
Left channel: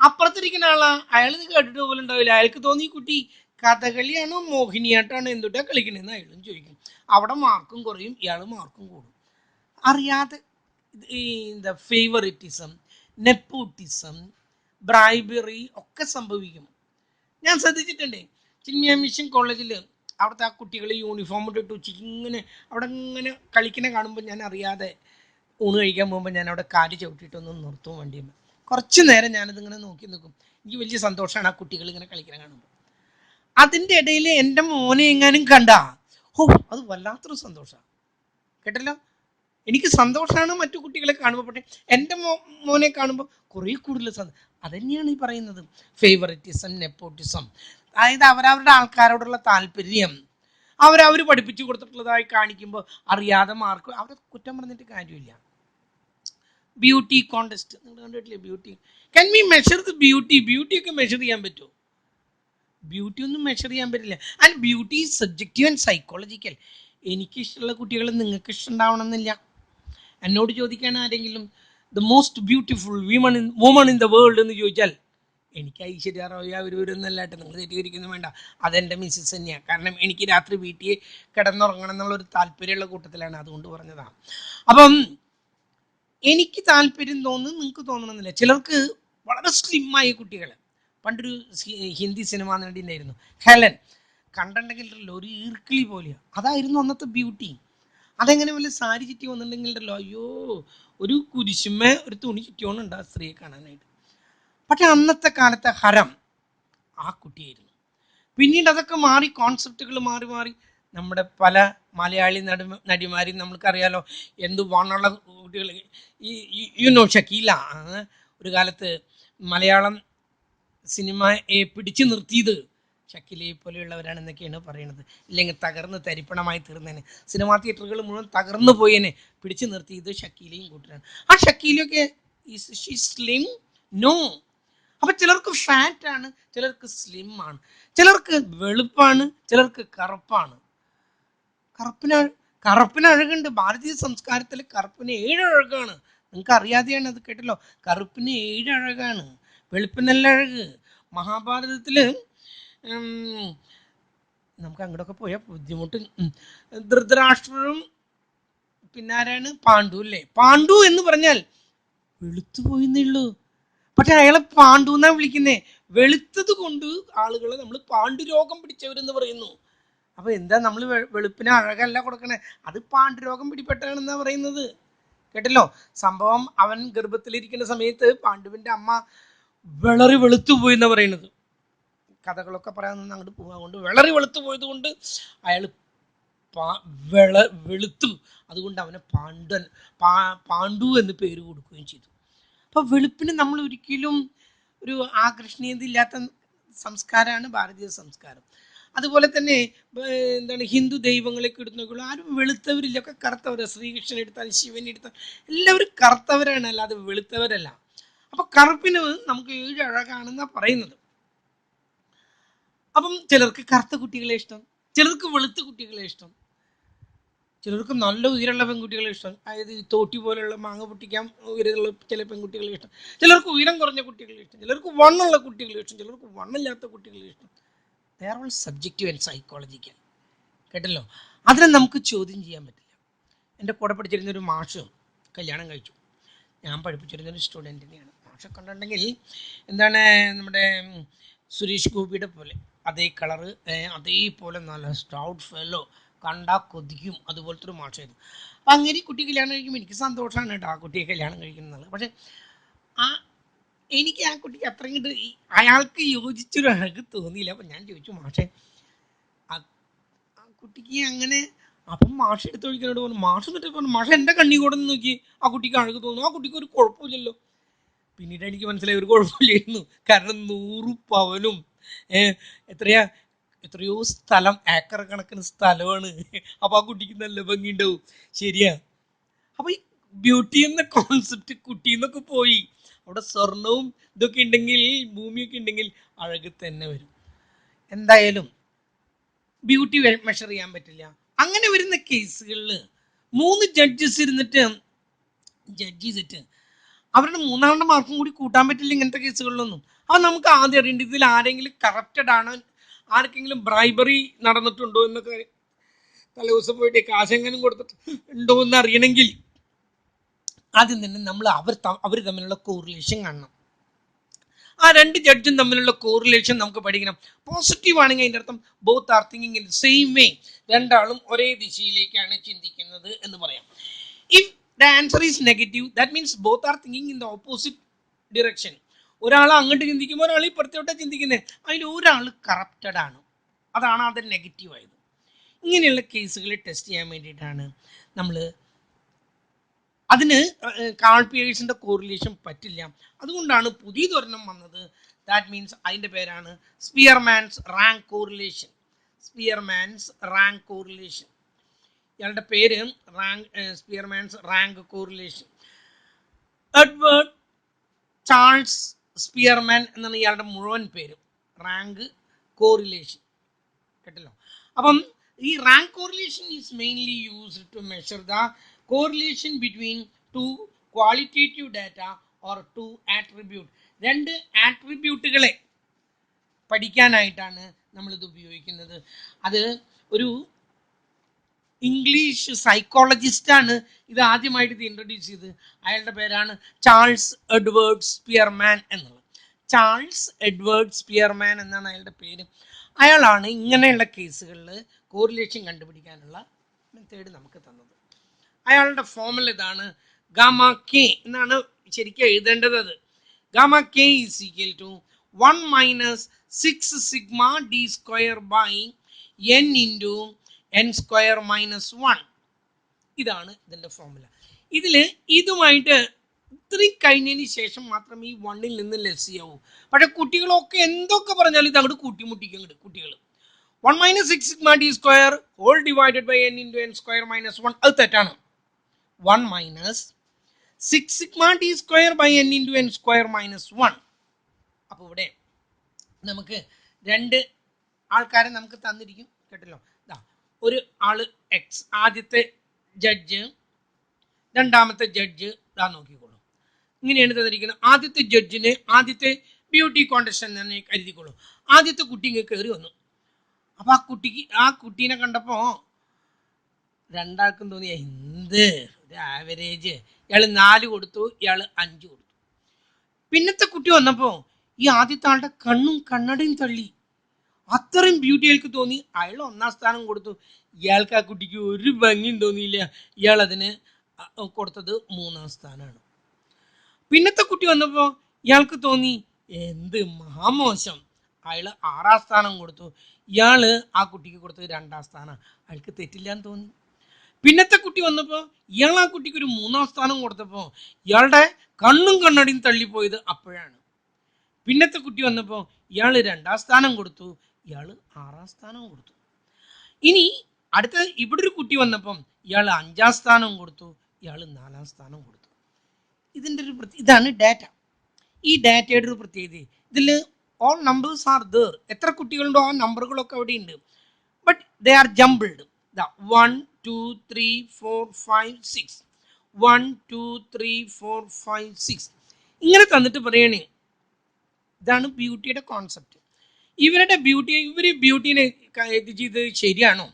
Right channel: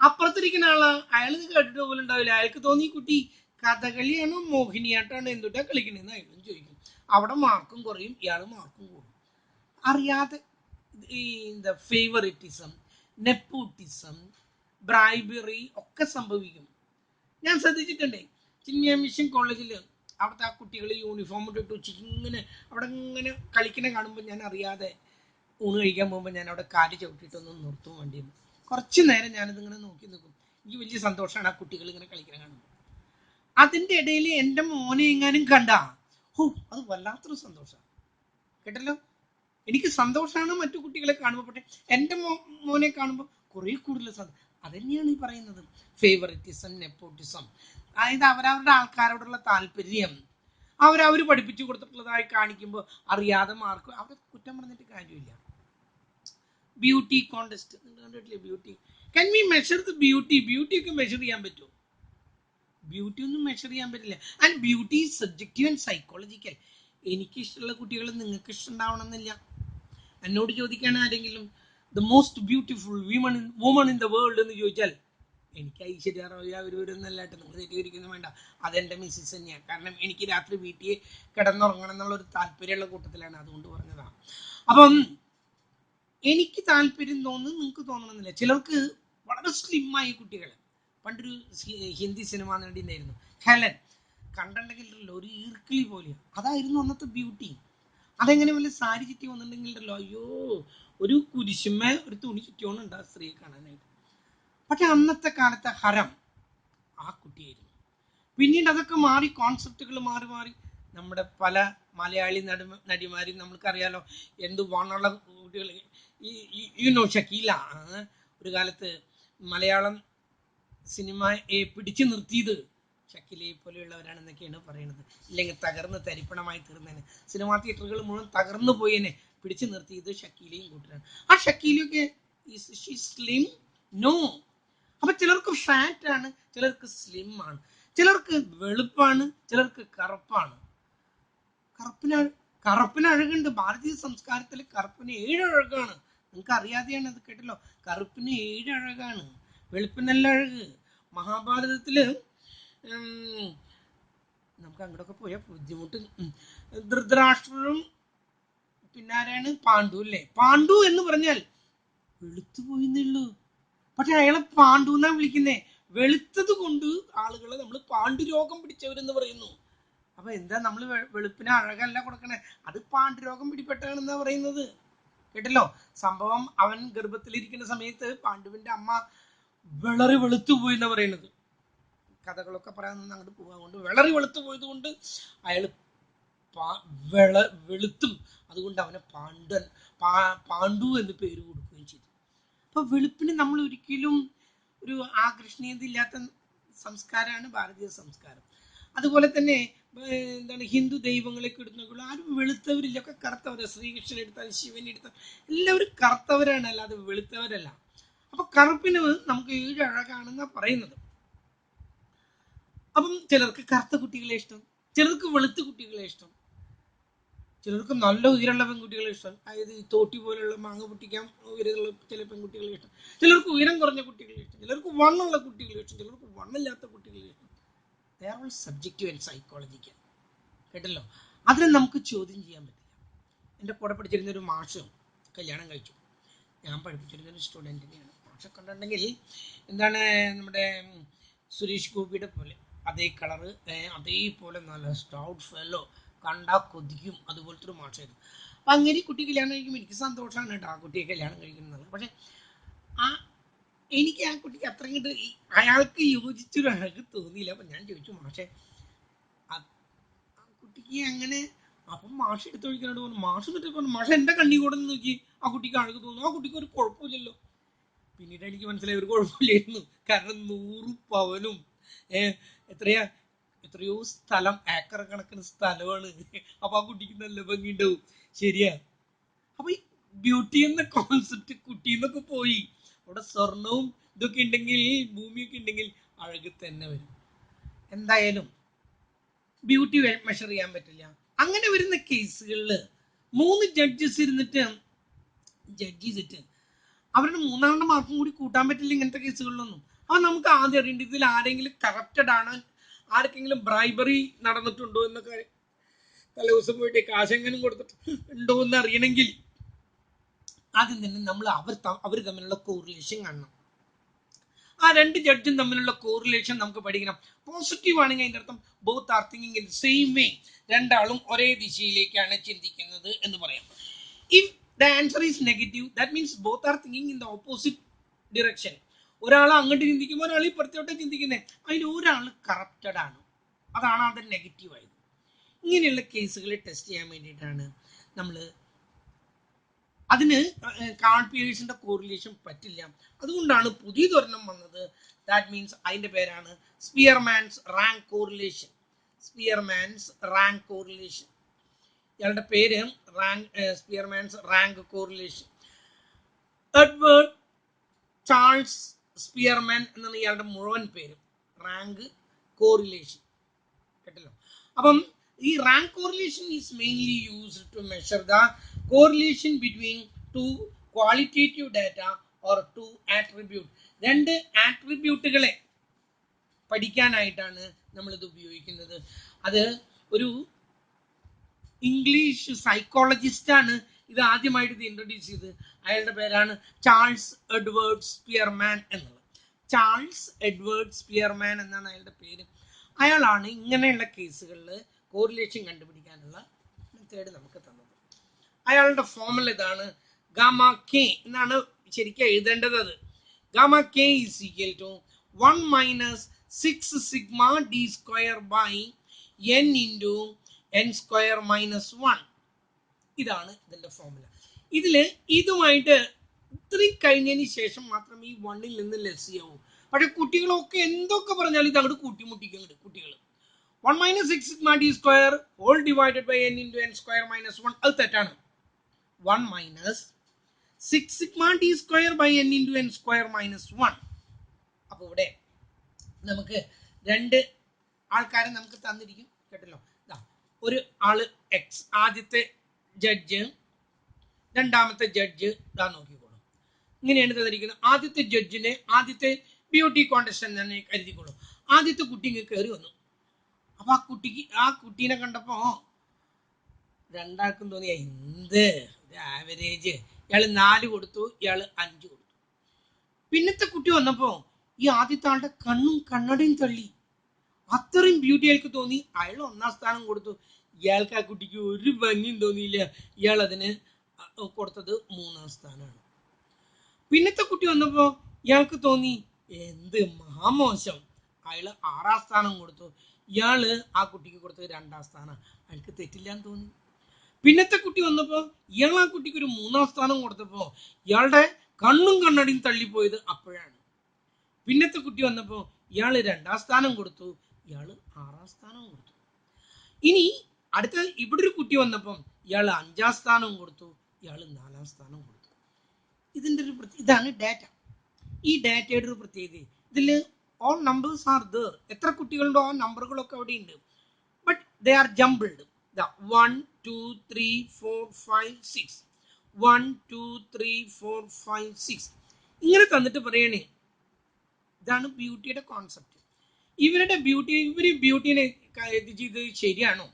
അപ്പുറത്തിരിക്കുന്ന ആളാ, അയാൾ ഇത് കേട്ടിട്ട് പോലും ഉണ്ടാവില്ല. അയാൾക്ക് തോന്നി കുട്ടി കഥകളിയാണോ മോഹിനിയാട്ടാണോ എന്തുട്ടാ കളിക്കണമെന്ന് അയാളും ചോദിക്കും. അവിടെ മാർക്കും കുറയും, ഇയാൾ മാർക്കും കൂടും. അറിയാതെ ഈ എന്താ ഫേവറിറ്റിസം, നെപ്പോട്ടിസം, ബ്രൈബറി ഒക്കെ സംഭവിക്കും. ഞാൻ ശ്രദ്ധിച്ചിട്ടുണ്ട്. ചിന്മയ മിഷൻ കോളേജിൽ അവിടുത്തെ ആ കുട്ടികൾ യൂണിഫോം ഇട്ടിട്ട് ഉച്ചയ്ക്ക് ഇങ്ങനെ അവിടെ ഇങ്ങനെ കളിക്കണ കാണുമ്പോൾ ഞാൻ അറിയാതെ ഊണ് കഴിക്കാൻ പോകുമ്പോൾ ഞാൻ അവിടെ കാല് ചവിട്ടിയിട്ടൊന്നും നിർത്തും വണ്ടിയിൽ. കുറച്ച് നേരം ഞാനിതിങ്ങനെ നോക്കി നിൽക്കും. എനിക്ക് വലിയ സന്തോഷമാണ് ആ കുട്ടികൾ ഇങ്ങനെ കളിക്കണം കാണുമ്പോൾ. അതിൻ്റെ ഇടയിൽ എൻ്റെ മോനെ എങ്ങാനും കണ്ടാ അത് വല്ലാത്തൊരു സന്തോഷമാണ് കേട്ടല്ലോ. എനിക്ക് സന്തോഷമാണ് മറ്റു കുട്ടികളെ കാണുമ്പോൾ. പക്ഷേ എൻ്റെ മോനെ കാണുമ്പോൾ കുറേ കൂടുതൽ സന്തോഷം. അതുതന്നെയാണ് ഈ പറയുന്നത് ഫേവറിറ്റിസം, നെപ്പോട്ടിസം. അതായത് അവരവരുടെ ആൾക്കാരോടുള്ള താല്പര്യം അവരവർ പഠിപ്പിച്ചു കൊടുത്തിട്ടുള്ളതായി കാണിക്കുമ്പോൾ അറിയാതെ മാർക്ക് അവരെ കുറ്റം പറഞ്ഞിട്ട് കാര്യമില്ല. ബ്യൂട്ടി കോൺടെസ്റ്റ് നിങ്ങൾ കണ്ടിട്ടില്ലേ? Beauty can we measure the beauty? ബ്യൂട്ടിയൊക്കെ മെഷർ ചെയ്യാൻ പറ്റുമോ? ബ്യൂട്ടി ഒന്നും മെഷർ ചെയ്യാൻ പറ്റില്ല. And beauty is subjective and psychological. എനിക്കിഷ്ടമുള്ള കുട്ടികൾ നിങ്ങൾക്ക് ഇഷ്ടമുണ്ടാവണമെന്നില്ല. എന്നോട് ചോദിക്കുകയാണ് ആരെങ്കിലും the most beautiful woman in the world എന്ന് ചോദിച്ചാൽ എനിക്ക് ഐശ്വര്യ റോയ് അവരൊന്നല്ലാട്ട് നിങ്ങൾ തെറ്റിദ്ധരിക്കുന്നു വേണ്ട, അതെൻ്റെ മിസ്സസ് തന്നെയാണ്. കാരണം എനിക്ക് രാത്രി വീട്ടിൽ കിടന്നുറങ്ങണം എന്നുള്ളൊരു താല്പര്യമുള്ള കൂട്ടത്തിലാണ്, അതുകൊണ്ട് പറഞ്ഞതാണ്. അപ്പം എനിക്ക് താല്പര്യം തോന്നുന്നു, നിങ്ങൾക്ക് തോന്നണമെന്നില്ല. ചിലർക്ക് വളരെ സ്ലിമ്മായ കുട്ടികൾ, പണ്ടൊരു ഹിന്ദി സിനിമ നടി ഉണ്ടായിരുന്നു ഹെലൻ, കണ്ടിട്ടുണ്ടെങ്കിൽ ഒരു ഈർക്കിളി പോലെയാണ്. അതായിരുന്നു അന്നത്തെ ബ്യൂട്ടി. അതെങ്ങനെ വല്ല സാരി ചുറ്റി വന്നിട്ടുണ്ടെങ്കിലല്ലോ അയ്യോ ഒരു കുരിശുമ്മ ഒരു തുണി ചുറ്റിയോണുണ്ട് ആ സ്ത്രീയെ കാണാനായിട്ട്. പക്ഷെ അന്നത്തെ കാലത്തെ ഹരം ആ കുട്ടിയായിരുന്നു. പിന്നീട് അതൊക്കെ മാറി, കോൺസെപ്റ്റുകൾ മാറി മാറി നമ്മുടെ പല മലയാളി നടിമാരും നമ്മൾക്കറിയാലോ എന്ത് വണ്ണുള്ള കുട്ടികൾ. യുനോ ഷക്കീല ഒരു കാലത്ത് മലയാളം സിനിമയെ പിടിച്ചു നിർത്തിയത് ഷക്കീലയെ പോലെയുള്ളവരാണെന്നൊക്കെയാണ് പറയുന്നത്. ഇല്ലെങ്കിൽ തകർന്ന് തരിപ്പണമായി തീർന്നതിന്, സിനിമാ തിയേറ്ററുകൾ മുഴുവൻ തകർന്നു പോയതിനെ പിടിച്ചു നിർത്തിയത് ഷക്കീലയും കൂട്ടരാണ്. ആ ഷക്കീലയൊക്കെ സ്ലിം നോ. അപ്പം ചിലർക്ക് ഫാറ്റാണ്, ചിലർക്ക് സ്ലിം ആണ്, ചിലർക്ക് വെളുപ്പാണ്, ചിലർക്ക് കറുപ്പാണ്. കറുപ്പിന് അഴകുണ്ട്. ഭാരതീയ സംസ്കാരത്തിൽ കറുപ്പിന് 7 അഴകാണ്. നിങ്ങൾക്ക് അറിയാതെയാണ് അത് കേട്ടല്ലോ. കറുപ്പിന് 7 അഴകാണ്, വെളുപ്പിനല്ല അഴക്. മഹാഭാരതത്തിൽ നമുക്ക് അങ്ങോട്ടൊക്കെ പോയാൽ ബുദ്ധിമുട്ട്. ധൃതരാഷ്ട്രരും പിന്നാരാണ് പാണ്ഡു അല്ലേ? പാണ്ഡു എന്ന് പറഞ്ഞാൽ വെളുത്തു പോയിന്നേ. പക്ഷെ അയാളെ പാണ്ഡു എന്നാ വിളിക്കുന്നേ. വെളുത്തത് കൊണ്ട് ആളുകളെ നമ്മൾ പാണ്ഡുരോഗം പിടിച്ചവരെന്ന് പറയുന്നു. അപ്പൊ എന്താ നമ്മൾ വെളുപ്പിന് അഴകല്ല കൊടുക്കണേ, അത് പാണ്ഡുരോഗം പിടിപെട്ടാണെന്നാ പറയുന്നത് കേട്ടല്ലോ. സംഭവം അവൻ ഗർഭത്തിലിരിക്കുന്ന സമയത്ത് പാണ്ഡുവിന്റെ അമ്മ വിളറി വെളുത്തു പോയി എന്നാ പറയുന്നത്. കഥകളൊക്കെ പറയാൻ അങ്ങോട്ട് പോകാൻ കൊണ്ട് വിളറി വെളുത്തു പോയത് കൊണ്ട് അയാൾ വെളുത്തു, അതുകൊണ്ട് അവനെ പാണ്ഡു എന്ന് പേര് കൊടുക്കുകയും ചെയ്തു. അപ്പൊ വെളുപ്പിന് നമ്മൾ ഒരിക്കലും ഒരു ആകർഷണീയത ഇല്ലാത്ത സംസ്കാരമാണ് ഭാരതീയ സംസ്കാരം. അതുപോലെ തന്നെ എന്താണ് ഹിന്ദു ദൈവങ്ങളൊക്കെ എടുത്തു ആരും വെളുത്തവരില്ല, ഒക്കെ കറുത്തവരാണ്. ശ്രീകൃഷ്ണൻ എടുത്താൽ, ശിവൻ എടുത്താൽ എല്ലാവരും കറുത്തവരാണ്, അല്ലാതെ വെളുത്തവരല്ല. അപ്പൊ കറുപ്പിന് നമുക്ക് 7 അഴകാണെന്നാണ് പറയുന്നത്. അപ്പം ചിലർക്ക് കറുത്ത കുട്ടികളെ ഇഷ്ടം, ചിലർക്ക് വെളുത്ത കുട്ടികളെ ഇഷ്ടം, ചിലർക്ക് നല്ല ഉയരമുള്ള പെൺകുട്ടികളെ ഇഷ്ടം. അതായത് ഈ തോട്ടി പോലെയുള്ള മാങ്ങ പൊട്ടിക്കാൻ ഉയരമുള്ള ചില പെൺകുട്ടികളെ ഇഷ്ടം, ചിലർക്ക് ഉയരം കുറഞ്ഞ കുട്ടികളെ ഇഷ്ടം, ചിലർക്ക് വണ്ണുള്ള കുട്ടികളെ ഇഷ്ടം, ചിലർക്ക് വണ്ണില്ലാത്ത കുട്ടികളെ ഇഷ്ടം. They are all subjective and psychological കേട്ടല്ലോ. അതിനെ നമുക്ക് ചോദ്യം ചെയ്യാൻ പറ്റില്ല. എൻ്റെ കൂടെ പഠിച്ചിരുന്നൊരു മാഷ് കല്യാണം കഴിച്ചു. ഞാൻ പഠിപ്പിച്ചിരുന്നൊരു സ്റ്റുഡൻറ്റിനെയാണ്. മാഷെ കണ്ടിട്ടുണ്ടെങ്കിൽ എന്താണ് നമ്മുടെ സുരേഷ് ഗോപിയുടെ പോലെ അതേ കളറ്, അതേപോലെ നല്ല സ്റ്റൗട്ട് ഫെല്ലോ, കണ്ടാൽ കൊതിക്കും, അതുപോലത്തെ ഒരു മാഷായിരുന്നു. അപ്പം അങ്ങനെ കുട്ടി കല്യാണം കഴിക്കുമ്പോൾ എനിക്ക് സന്തോഷമാണ് കേട്ടോ ആ കുട്ടിയെ കല്യാണം കഴിക്കുന്നത്. പക്ഷേ എനിക്ക് ആ കുട്ടിക്ക് അത്രയും കണ്ട് അയാൾക്ക് യോജിച്ചൊരു അഴക് തോന്നിയില്ല. അപ്പം ഞാൻ ചോദിച്ചു മാഷെ ആ കുട്ടിക്ക് അങ്ങനെ. അപ്പം മാഷ് എടുത്തൊഴിക്കാനോട് പറഞ്ഞു. മാഷ് എന്നിട്ട് പറഞ്ഞു മാഷ എൻ്റെ കണ്ണി കൂടെ നോക്കി ആ കുട്ടിക്ക് അഴക് തോന്നുന്നു, ആ കുട്ടിക്ക് ഒരു കുഴപ്പമില്ലല്ലോ. പിന്നീട് എനിക്ക് മനസ്സിലായി ഒരു കുഴപ്പമില്ലായിരുന്നു. കാരണം 100 പവനും എത്രയോ സ്ഥലം, ഏക്കർ കണക്കിന് സ്ഥലമാണ്. അപ്പൊ ആ കുട്ടിക്ക് നല്ല ഭംഗി ഉണ്ടാവും. ശരിയാ. അപ്പൊ ഈ ബ്യൂട്ടി എന്ന കോൺസെപ്റ്റ് കുട്ടിന്നൊക്കെ പോയി. അവിടെ സ്വർണവും ഇതൊക്കെ ഉണ്ടെങ്കിൽ, ഭൂമിയൊക്കെ ഉണ്ടെങ്കിൽ അഴക് തന്നെ വരും. എന്തായാലും ബ്യൂട്ടി മെഷർ ചെയ്യാൻ പറ്റില്ല. അങ്ങനെ വരുന്ന കേസുകളിൽ 3 ജഡ്ജസ് ഇരുന്നിട്ട് ജഡ്ജ് ചെയ്തിട്ട് അവരുടെ 3ാമത്തെ മാർക്കും കൂടി കൂട്ടാൻ പറ്റില്ല ഇങ്ങനത്തെ കേസുകളിലൊന്നും. അപ്പം നമുക്ക് ആദ്യം അറിയേണ്ടത് ഇതിൽ ആരെങ്കിലും കറപ്റ്റഡ് ആണ്, ആർക്കെങ്കിലും ബ്രൈബറി നടന്നിട്ടുണ്ടോ എന്നൊക്കെ, തലേദിവസം പോയിട്ട് കാശെങ്ങനും കൊടുത്തിട്ട് ഉണ്ടോ എന്ന് അറിയണമെങ്കിൽ ആദ്യം തന്നെ നമ്മൾ അവർ തമ്മിലുള്ള കോറിലേഷൻ കാണണം. ആ 2 ജഡ്ജും തമ്മിലുള്ള കോറിലേഷൻ നമുക്ക് പഠിക്കണം. പോസിറ്റീവ് ആണെങ്കിൽ അതിൻ്റെ അർത്ഥം both are thinking in same way, രണ്ടാളും ഒരേ ദിശയിലേക്കാണ് ചിന്തിക്കുന്നത് എന്ന് പറയാം. If the answer is negative, that means both are thinking in the opposite direction. ഒരാൾ അങ്ങോട്ട് ചിന്തിക്കുമ്പോൾ ഒരാൾ ഇപ്പുറത്തോട്ട് ചിന്തിക്കുന്നത്, അതിൽ ഒരാൾ കറപ്റ്റഡ് ആണ്, അതാണ് അത് നെഗറ്റീവ് ആയത്. ഇങ്ങനെയുള്ള കേസുകൾ ടെസ്റ്റ് ചെയ്യാൻ വേണ്ടിയിട്ടാണ് നമ്മൾ, അതിന് കാൾ പിയേഴ്സിൻ്റെ കോറിലേഷൻ പറ്റില്ല. അതുകൊണ്ടാണ് പുതിയതൊരെണ്ണം വന്നത്. ദാറ്റ് മീൻസ് അതിൻ്റെ പേരാണ് Spearman's rank correlation. Spearman's rank correlation, ഇയാളുടെ പേര് Spearman's rank correlation. Edward Charles Spearman എന്നാണ് ഇയാളുടെ മുഴുവൻ പേര്. റാങ്ക് കോറിലേഷൻ, കേട്ടല്ലോ. അപ്പം ഈ rank correlation is mainly used to measure the correlation between two qualitative data or two attribute. രണ്ട് ആട്രിബ്യൂട്ടുകളെ പഠിക്കാനായിട്ടാണ് നമ്മളിത് ഉപയോഗിക്കുന്നത്. അത് ഒരു ഇംഗ്ലീഷ് സൈക്കോളജിസ്റ്റാണ് ഇത് ആദ്യമായിട്ട് ഇത് ഇൻട്രൊഡ്യൂസ് ചെയ്ത്. അയാളുടെ പേരാണ് ചാൾസ് എഡ്വേർഡ് സ്പിയർമാൻ എന്നുള്ളത്. ചാൾസ് എഡ്വേർഡ് സ്പിയർമാൻ എന്നാണ് അയാളുടെ പേര്. അയാളാണ് ഇങ്ങനെയുള്ള കേസുകളിൽ കോറിലേഷൻ കണ്ടുപിടിക്കാനുള്ള മെത്തേഡ് നമുക്ക് തന്നത്. അയാളുടെ ഫോർമുല ഇതാണ്, ഗാമ കെ എന്നാണ് ശരിക്കും എഴുതേണ്ടത്. അത് gamma K is equal to 1 minus 6 sigma D square by N into N square minus 1. ഇതാണ് ഇതിൻ്റെ ഫോർമുല. ഇതിൽ ഇതുമായിട്ട് ഇത്രയും കഴിഞ്ഞതിന് ശേഷം മാത്രം ഈ 1ൽ നിന്ന് ലെസ് ചെയ്യാവൂ. പക്ഷേ കുട്ടികളൊക്കെ എന്തൊക്കെ പറഞ്ഞാലും ഇത് അങ്ങോട്ട് കൂട്ടിമുട്ടിക്കും. കുട്ടികൾ 1 minus 6 sigma D square whole divided by N into N square minus 1, അത് തെറ്റാണ്. 1 minus 6 sigma D square by N into N square minus 1. അപ്പോൾ ഇവിടെ നമുക്ക് രണ്ട് ആൾക്കാരെ നമുക്ക് തന്നിരിക്കും, കേട്ടല്ലോ. ഒരു ആള് എക്സ്, ആദ്യത്തെ ജഡ്ജ്, രണ്ടാമത്തെ ജഡ്ജ്, ഇതാ നോക്കിക്കോളൂ. ഇങ്ങനെയാണ് തന്നിരിക്കുന്നത്. ആദ്യത്തെ ജഡ്ജിന് ആദ്യത്തെ ബ്യൂട്ടി കോൺടെസ്റ്റ് തന്നെ കരുതിക്കോളൂ. ആദ്യത്തെ കുട്ടി ഇങ്ങ് കയറി വന്നു. അപ്പോൾ ആ കുട്ടീനെ കണ്ടപ്പോൾ രണ്ടാൾക്കും തോന്നിയ എന്ത് ഒരു ആവറേജ്, ഇയാൾ 4 കൊടുത്തു, ഇയാൾ 5 കൊടുത്തു. പിന്നത്തെ കുട്ടി വന്നപ്പോൾ ഈ ആദ്യത്തെ ആളുടെ കണ്ണും കണ്ണടയും തള്ളി. അത്രയും ബ്യൂട്ടി അയാൾക്ക് തോന്നി. അയാൾ 1ാം സ്ഥാനം കൊടുത്തു. ഇയാൾക്ക് ആ കുട്ടിക്ക് ഒരു ഭംഗിയും തോന്നിയില്ല. ഇയാൾ അതിന് കൊടുത്തത് 3ാം സ്ഥാനമാണ്. പിന്നത്തെ കുട്ടി വന്നപ്പോൾ ഇയാൾക്ക് തോന്നി എന്ത് മഹാമോശം. അയാൾ 6ാം സ്ഥാനം കൊടുത്തു. ഇയാൾ ആ കുട്ടിക്ക് കൊടുത്തത് 2ാം സ്ഥാനം. അയാൾക്ക് തെറ്റില്ലാന്ന് തോന്നി. പിന്നത്തെ കുട്ടി വന്നപ്പോൾ ഇയാൾ ആ കുട്ടിക്ക് ഒരു 3ാം സ്ഥാനം കൊടുത്തപ്പോൾ ഇയാളുടെ കണ്ണും കണ്ണടിയും തള്ളിപ്പോയത് അപ്പോഴാണ്. പിന്നത്തെ കുട്ടി വന്നപ്പോൾ ഇയാൾ 2ാം സ്ഥാനം കൊടുത്തു, ഇയാൾ 6ാം സ്ഥാനം കൊടുത്തു. ഇനി അടുത്ത ഇവിടെ ഒരു കുട്ടി വന്നപ്പം ഇയാൾ 5ാം സ്ഥാനം കൊടുത്തു, ഇയാൾ 4ാം സ്ഥാനം കൊടുത്തു. ഇതിൻ്റെ ഇതാണ് ഡാറ്റ. ഈ ഡാറ്റയുടെ ഒരു പ്രത്യേകത, ഇതിൽ ഓൾ നമ്പേഴ്സ് ആർ ദർ. എത്ര കുട്ടികളുണ്ടോ ആ നമ്പറുകളൊക്കെ അവിടെ ഉണ്ട്. But they are jumbled. 1 2 3 4 5 6 1 2 3 4 5 6 ഇങ്ങനെ തന്നിട്ട് പറയണേ. ഇതാണ് ബ്യൂട്ടിയുടെ കോൺസെപ്റ്റ്. ഇവർ ബ്യൂട്ടീനെ ഇത് ചെയ്ത് ശരിയാണോ?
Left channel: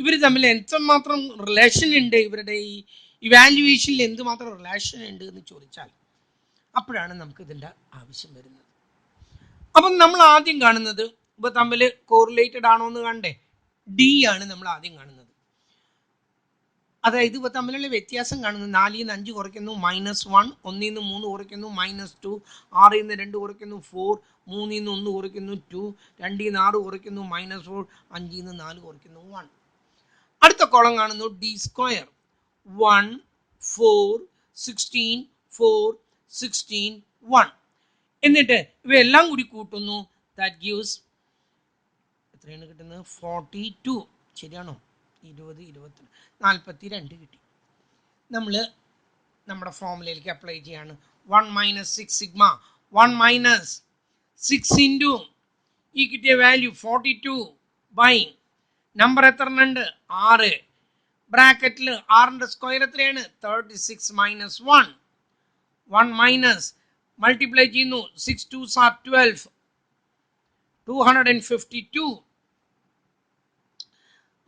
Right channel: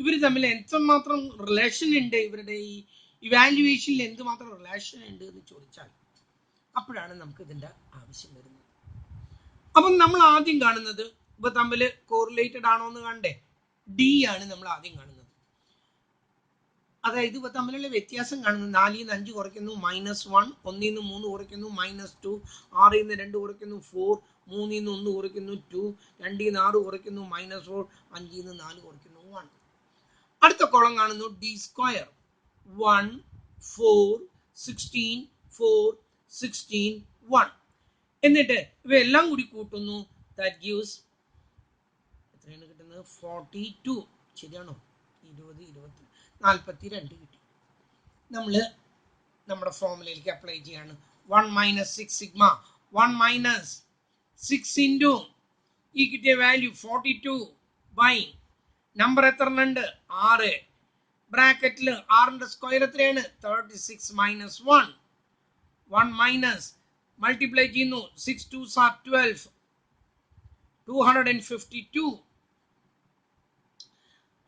ഇവർ തമ്മിൽ എന്തുമാത്രം റിലേഷൻ ഉണ്ട്, ഇവരുടെ ഈ ഇവാലുവേഷനിൽ എന്തുമാത്രം റിലേഷൻ ഉണ്ട് എന്ന് ചോദിച്ചാൽ അപ്പോഴാണ് നമുക്ക് ഇതിൻ്റെ ആവശ്യം വരുന്നത്. അപ്പം നമ്മൾ ആദ്യം കാണുന്നത് ഇവ തമ്മിൽ കോറിലേറ്റഡ് ആണോ എന്ന് കണ്ടേ, ഡി ആണ് നമ്മൾ ആദ്യം കാണുന്നത്. അതായത് ഇവ തമ്മിലുള്ള വ്യത്യാസം കാണുന്നത് 4ൽ നിന്ന് 5 കുറയ്ക്കുന്നു -1, 1ൽ നിന്ന് 3 കുറയ്ക്കുന്നു -2, 6ൽ നിന്ന് 2 കുറയ്ക്കുന്നു 4, 3ൽ നിന്ന് 1 കുറയ്ക്കുന്നു 2, 2ൽ നിന്ന് 6 കുറയ്ക്കുന്നു -4, 5ൽ നിന്ന് 4 കുറയ്ക്കുന്നു 1. അടുത്ത കോളം കാണുന്നു ഡി സ്ക്വയർ 1 4 16 4 16 1. എന്നിട്ട് ഇവയെല്ലാം കൂടി കൂട്ടുന്നു. ദാറ്റ് ഗീവ്സ് എത്രയാണ് കിട്ടുന്നത്? 42. ശരിയാണോ? 20 20 42 കിട്ടി. നമ്മൾ നമ്മുടെ ഫോർമുലയിലേക്ക് അപ്ലൈ ചെയ്യാണ്. 1 മൈനസ് 6 സിഗ്മ 1 മൈനസ് 6 ഇൻറ്റു ഈ കിട്ടിയ വാല്യൂ 42 ബൈ നമ്പർ എത്ര ഉണ്ട്? 6. ബ്രാക്കറ്റിൽ 6ന്റെ സ്ക്വയർ എത്രയാണ്? 36 മൈനസ് 1. 1 മൈനസ് മൾട്ടിപ്ലൈ ചെയ്യുന്നു. 6 2s are 12. 252.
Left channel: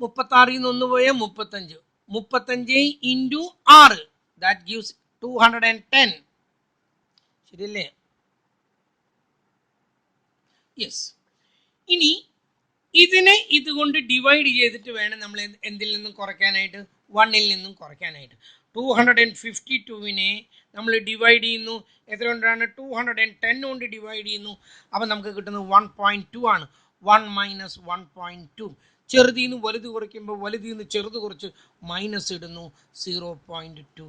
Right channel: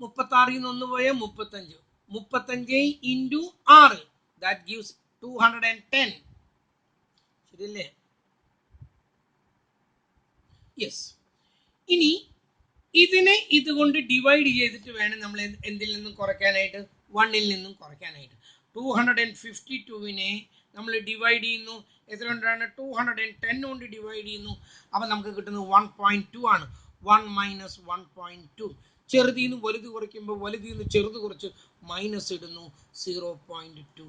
36ൽ നിന്ന് 1 പോയ 35. 35 ഇൻറ്റു 6 ദാറ്റ് ഗീവ്സ് 210. ശരിയല്ലേ? യെസ്. ഇനി ഇതിനെ ഇതുകൊണ്ട് ഡിവൈഡ് ചെയ്തിട്ട് വേണം നമ്മൾ എന്തിൽ നിന്നും കുറയ്ക്കാനായിട്ട്? 1ൽ നിന്നും കുറയ്ക്കാനായിട്ട്. 252നെ നമ്മൾ ഡിവൈഡ് ചെയ്യുന്നു. എത്ര കൊണ്ടാണ്? 210 കൊണ്ട് ഡിവൈഡ് ചെയ്യുന്നു. അപ്പം നമുക്ക് കിട്ടുന്നത് 1.2 ആണ്. 1 മൈനസ് 1.2. ചെറുതിൽ നിന്ന് വലുത് കുറയ്ക്കുമ്പോൾ വലുതിൽ നിന്ന് ചെറുത് കുറച്ച് മൈനസ് ഇടുന്നു 0.2.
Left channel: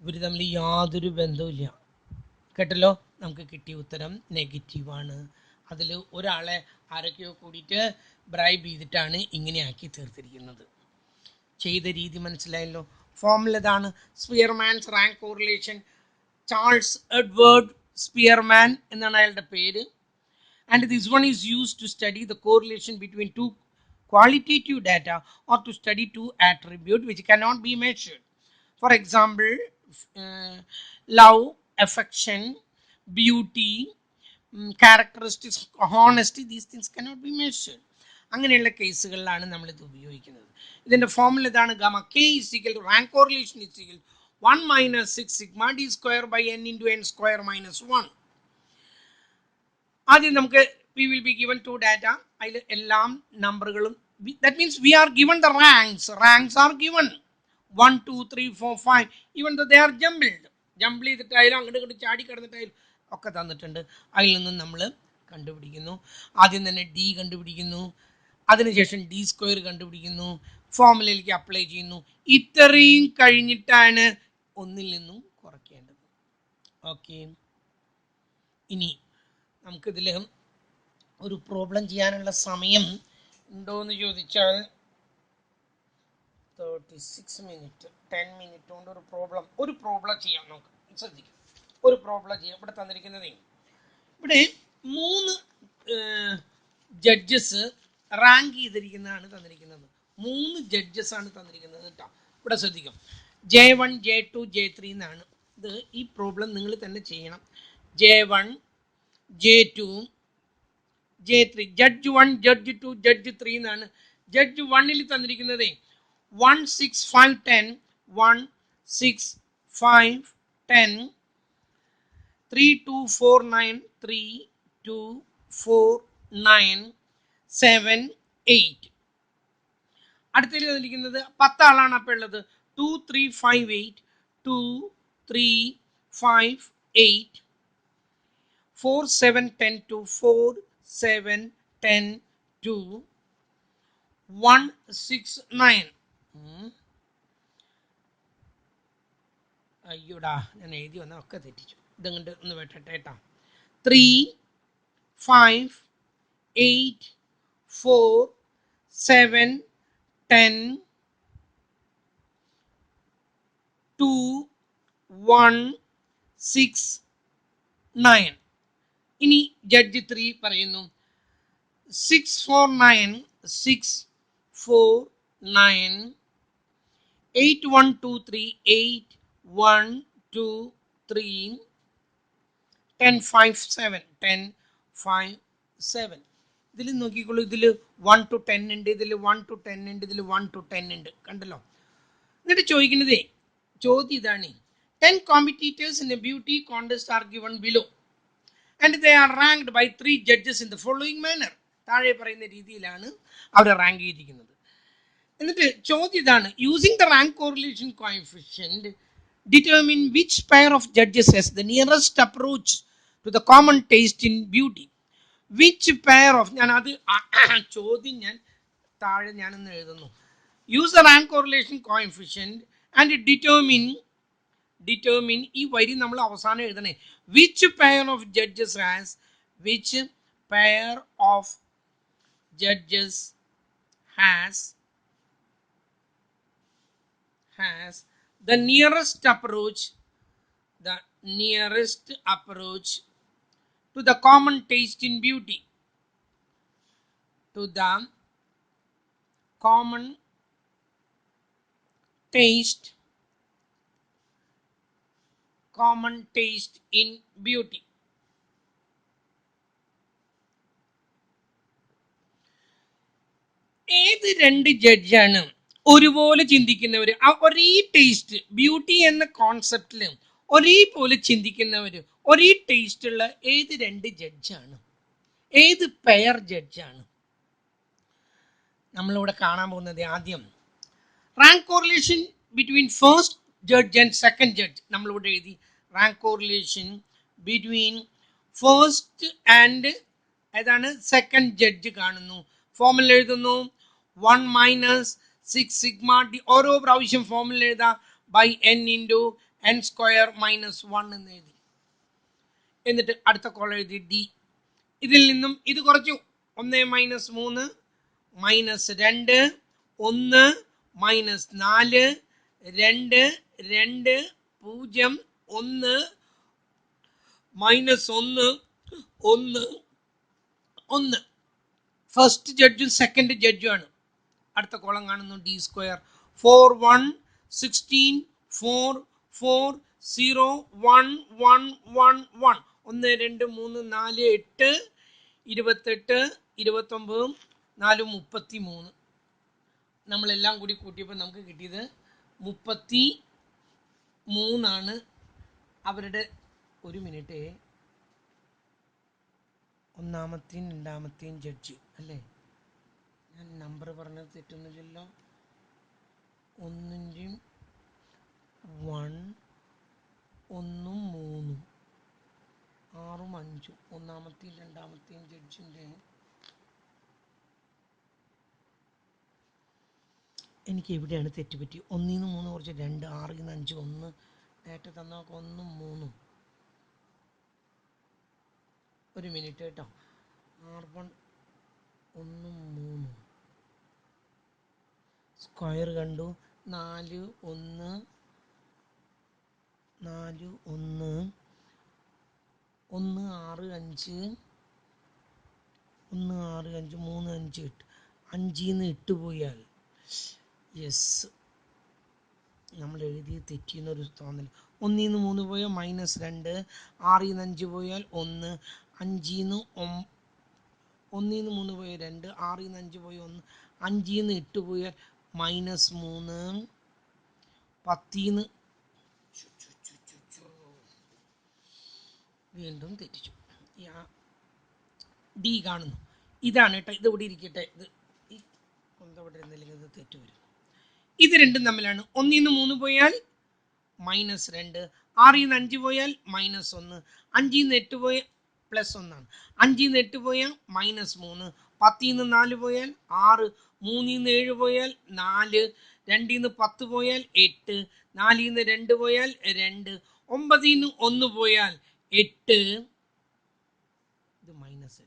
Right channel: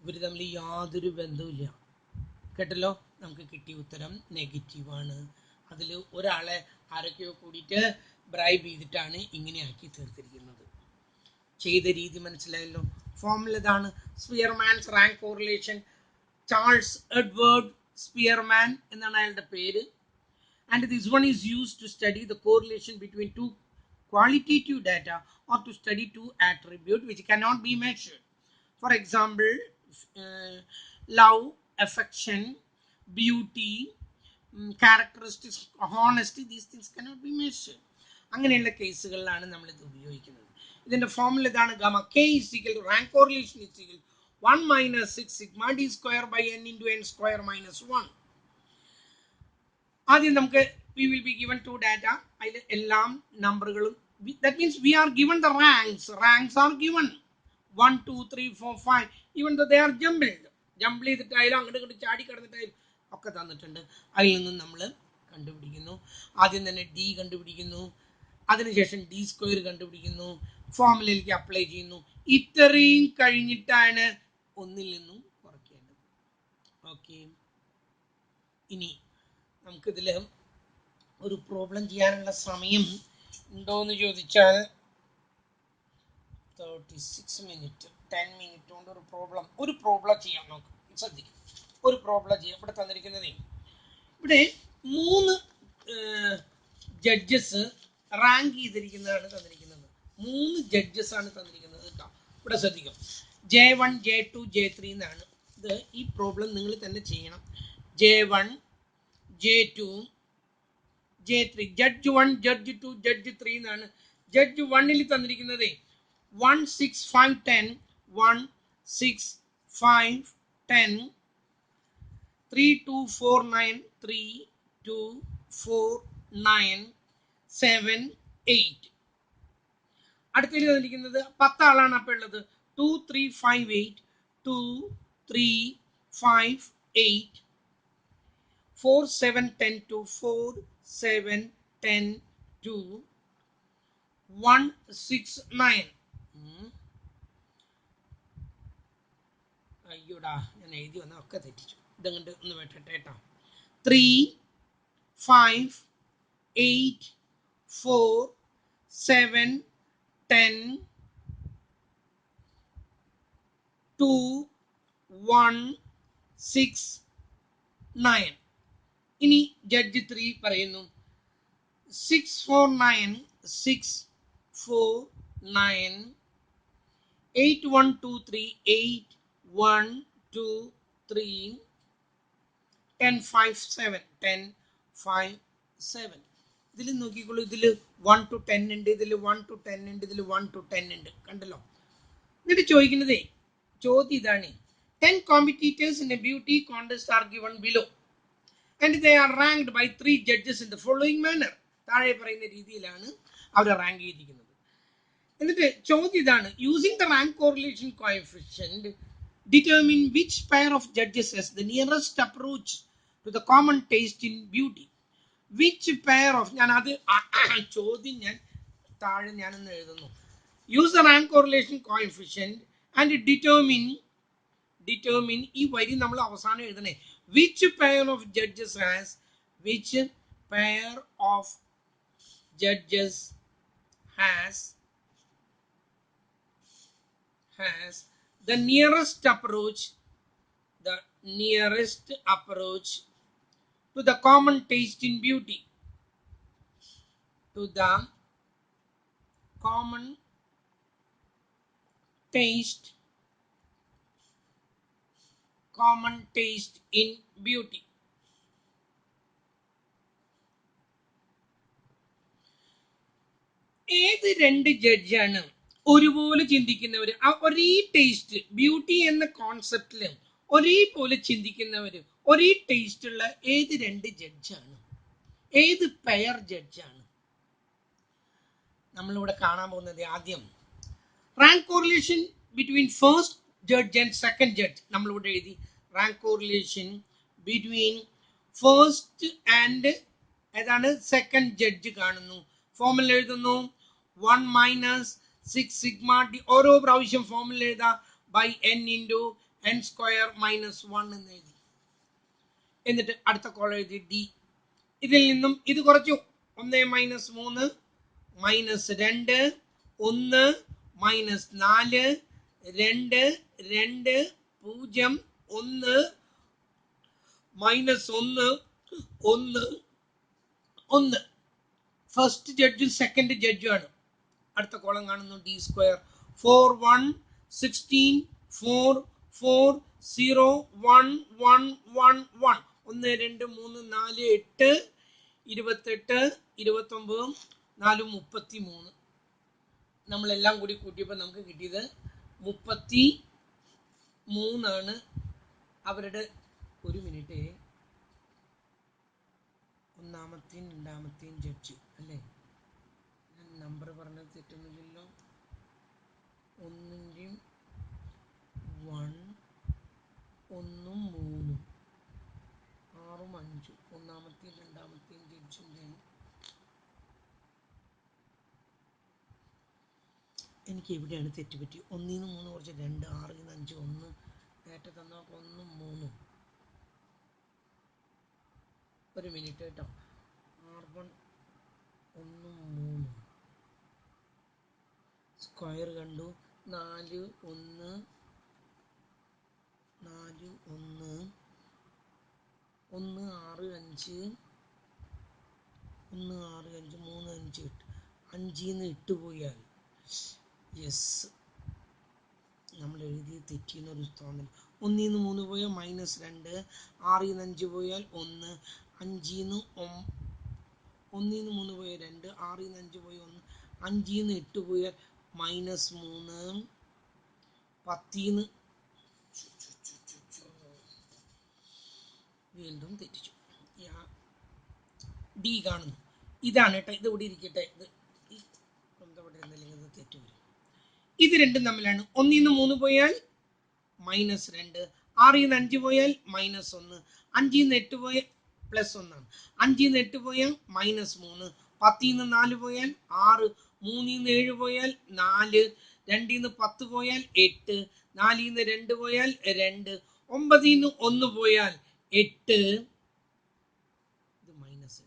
ഇവർ തമ്മിൽ യാതൊരു ബന്ധവുമില്ല. കേട്ടല്ലോ? നമുക്ക് കിട്ടിയ ഉത്തരം നെഗറ്റീവാണ്. അതിൽ ഒരാളെ ആരൊക്കെയോ കൂടിയിട്ട് ബ്രൈബ് ചെയ്തിട്ടാണ് ഇങ്ങനെ ആക്കി തീർത്തിരിക്കുന്നത്. ചെയ്ത രീതി മനസ്സിലായല്ലോ? ഫോർമുല ഇതാണ്. Spearman's rank correlation. Charles Edward Spearman എന്നാണ് അയാളുടെ പേര്. And this one is used to study the correlation between two qualitative data or to study two attributes which cannot be measured. For example, love, affection, beauty, characteristics, honesty, these things cannot be measured. അങ്ങനെയുള്ള കേസുകളിലാണ് നമ്മൾ ഇത് ഉപയോഗിക്കുന്നത്. ഇതിന്റെ formula ഇതാണ്. Gamma k is equal to rank correlation is equal to 1 minus 6 sigma d square by n into n square minus 1. ആദ്യം നമുക്ക് we will be given two data. അതിൽ എല്ലാം നമ്പറുകളും, that means we are given the ranks are given 1 2 3 4 5, even though they are jumbled ചെയ്തിട്ടായാലും അങ്ങോട്ട് ഇങ്ങോട്ട് ചാടി കിടന്നിട്ടായാലും ഒക്കെ തന്നിട്ടുണ്ട്. അതിൽ നിന്നും നമ്മൾ കണ്ടുപിടിക്കുന്നു. ആദ്യം തന്നെ ഡി കണ്ടുപിടിക്കുന്നു, അതിനുശേഷം ഡി സ്ക്വയർ കണ്ടുപിടിക്കുന്നു, ഫോർമുലയിലേക്ക് അപ്ലൈ ചെയ്യുന്നു. ഇത്രയും കഴിഞ്ഞിട്ടാണ് ഒന്നിൽ നിന്നും കുറയ്ക്കേണ്ടത്. ഓക്കെ, ഇനി നമുക്കിതിൽ ഒരു പ്രോബ്ലം ചെയ്യാനുള്ള സമയം ഉണ്ടോയെന്ന് ചോദിച്ചാൽ 36 മിനിറ്റ് 10 മിനിറ്റ് കൊണ്ട് ഒരു പ്രോബ്ലം ചെയ്യാം. നോക്കാം, ശ്രദ്ധിക്കും. ഒരു പ്രോബ്ലം ചെയ്യാം. ഇവിടെ തന്നിരിക്കുന്നതേ, ഇവിടെ 3 ജഡ്ജസ് റാങ്ക് ചെയ്തിരിക്കുന്നതാണ് തന്നിരിക്കുന്നത്. 3 ജഡ്ജസ് ആണ് തന്നിരിക്കുന്നത് കേട്ടോ. ഇവിടെ ശ്രദ്ധിക്കും. J1 J2 J3 എന്നാണ്. ഇത് ഈ പ്രോബ്ലം നിങ്ങൾ തന്നെ ചെയ്യണം. J1 J2 J3, judge 1 judge 2 judge 3 എന്നാണ്. ജഡ്ജ് 1ൽ തന്നിരിക്കുന്നത് 1 6 5 10 1 6 5 10 3 2 4 9 3 2 4 9 7 8. അടുത്തതിൽ തന്നിരിക്കുന്നത് 10 ആളാണ് അപ്പോൾ ഉള്ളത്. 2 3 5 8 2 3 5 8 4 7 10 2 4 7 10 2 1 6 9. അയ്യോടാ, ഞാൻ എഴുതി വന്ന ഒക്കെ തെറ്റിച്ചു. ഇതങ്ങോട്ട് ഒന്ന് വെട്ടട്ടെ കേട്ടോ. 3 5 8 4 7 10 2 1 6 9. ഇനി ജഡ്ജ് 3 പറയുന്നു 6 4 9 6 4 9 8 1 2 3 8 1 2 3 10 5 7 10 5 7. ഇതിൽ നോക്കിക്കോളൂ, ഇതിൽ 1 to 10 ഉണ്ട്, ഇതിൽ 1 to 10 ഉണ്ട്, ഇതിൽ 1 to 10 ഉണ്ട്. കണ്ടല്ലോ? എന്നിട്ട് ചോദിക്കുന്നതേ, ചോദ്യം ഇതാണ്. 10 competitors in a beauty contest are given below and they are ranked by 3 judges in the following manner. താഴെ പറയുന്ന രീതിയിലാണ് അവർ റാങ്ക് ചെയ്തിരിക്കുന്നത്. എന്നിട്ട് ചോദ്യം ഇതാണ്. Using the rank correlation coefficient determine which pair of judges has the nearest approach to the common taste in beauty. Which pair of, ഞാൻ അത് ചോദ്യം ഞാൻ താഴെ ഞാനൊന്ന് എഴുതുന്നു. Use the rank correlation coefficient and determine ഈ വരി നമ്മൾ അവസാനം എഴുതണേ. Which pair of judges has the nearest approach to the common taste in beauty. To the common taste in beauty. ഏത് 2 ജഡ്ജാണ് ഒരുപോലെ ചിന്തിക്കുന്നവർ, ഒരേ ടേസ്റ്റ് ബ്യൂട്ടി എന്ന കോൺസെപ്റ്റിൽ ഒരേപോലെ ചിന്തിക്കുന്നവർ, ഒരേ ടേസ്റ്റ് ഉള്ള ഏത് 2 ജഡ്ജാണ്? ഏത് പെയർ ജഡ്ജാണ് നമ്മളിവിടെ കാണാൻ പോകുന്നത്? ആദ്യം rank correlation between first judge and second judge നമ്മളിവിടെ എഴുതി. Rank correlation between first and ഏതാണ് സെക്കൻഡ് ജഡ്ജ് കാണുന്നു. ഫോമുല എഴുതുന്നു. 1 മൈനസ് 6 സിഗ്മ ഡി, ഓരോ പ്രാവശ്യം ഫോമുല എഴുതാം, by n into n square minus 1 എന്ന് എഴുതി. എന്നിട്ട് അടുത്ത കോളം എഴുതി ഡി. ഇതിൽ നിന്നും ഇത് കുറച്ചു. 1 minus 3 minus 2 1 minus 4 2 2 0 1 minus 1 1 1. First ജഡ്ജും സെക്കൻഡ് ജഡ്ജും ആണ്. അടുത്ത കോളം കാണുന്നു ഡി സ്ക്വയർ. 4 1 16 4 4 0 1 1 1 1 1 2 3 4 8 28 29 4 33. നമ്മളെല്ലാം കൂടി കൂട്ടിയപ്പോൾ നമുക്ക് കിട്ടിയത് 33 ആണ്. അവരുടെ ഒരു മിനിറ്റ്, ഒന്നാമത്തെയും രണ്ടാമത്തെയും ജഡ്ജ് അല്ലേ? ഞാൻ നമ്പർ പറഞ്ഞത് തെറ്റൊന്നുമില്ലല്ലോ. 1 1 1 3 6 5 ഒന്നാമത്തെയും രണ്ടാമത്തെയും ജഡ്ജിൻ്റെ എനിക്ക് എവിടെയാണ് തെറ്റുപറ്റി? 1 3 കുറച്ച് 2 6 5 1 ഡേറ്റ തന്നാൽ 1 3. ഒരു മിനിറ്റ് കേട്ടോ. R1 1 3 സ്ക്വയർ കണ്ടു. 4 1 4 1 1 6 5 1 6 5 3 5 8 5 8 പോയാൽ യെസ് നമ്മൾ എഴുതി തെറ്റിയെന്നൊരു തോന്നൽ. 1 3 പോയാൽ മൈനസ് 2, 6 5 പോയാൽ 1, 5 1 3 പോയാൽ 2, 6 5 പോയാൽ 1, 5 8 പോയാൽ മൈനസ് 3, 10 വീണ്ടും തെറ്റിച്ചു. ഡി കാണുന്നു. ഇതാണ് കേട്ടോ. ഇത് ഇവിടെ ഇരിക്കട്ടെ. ഇത് ഇവിടെ ഇരുന്നില്ലെങ്കിൽ ഇത് തെറ്റ് വരും. ഇത് രണ്ടും തമ്മിലാണ്. 1 3 പോയാൽ മൈനസ് 2, 6 5 പോയാൽ മൈനസ് 1, 5 8 പോയാൽ പ്ലസ് 1 ആണ്. 5 8 പോയാൽ മൈനസ് 3, 10 4 പോയാൽ 6, 3 7 പോയാൽ 4, 2 10 പോയാൽ 8, 4 2 പോയാൽ 2, 9 1 പോയാൽ 8, ഇത് മൈനസ്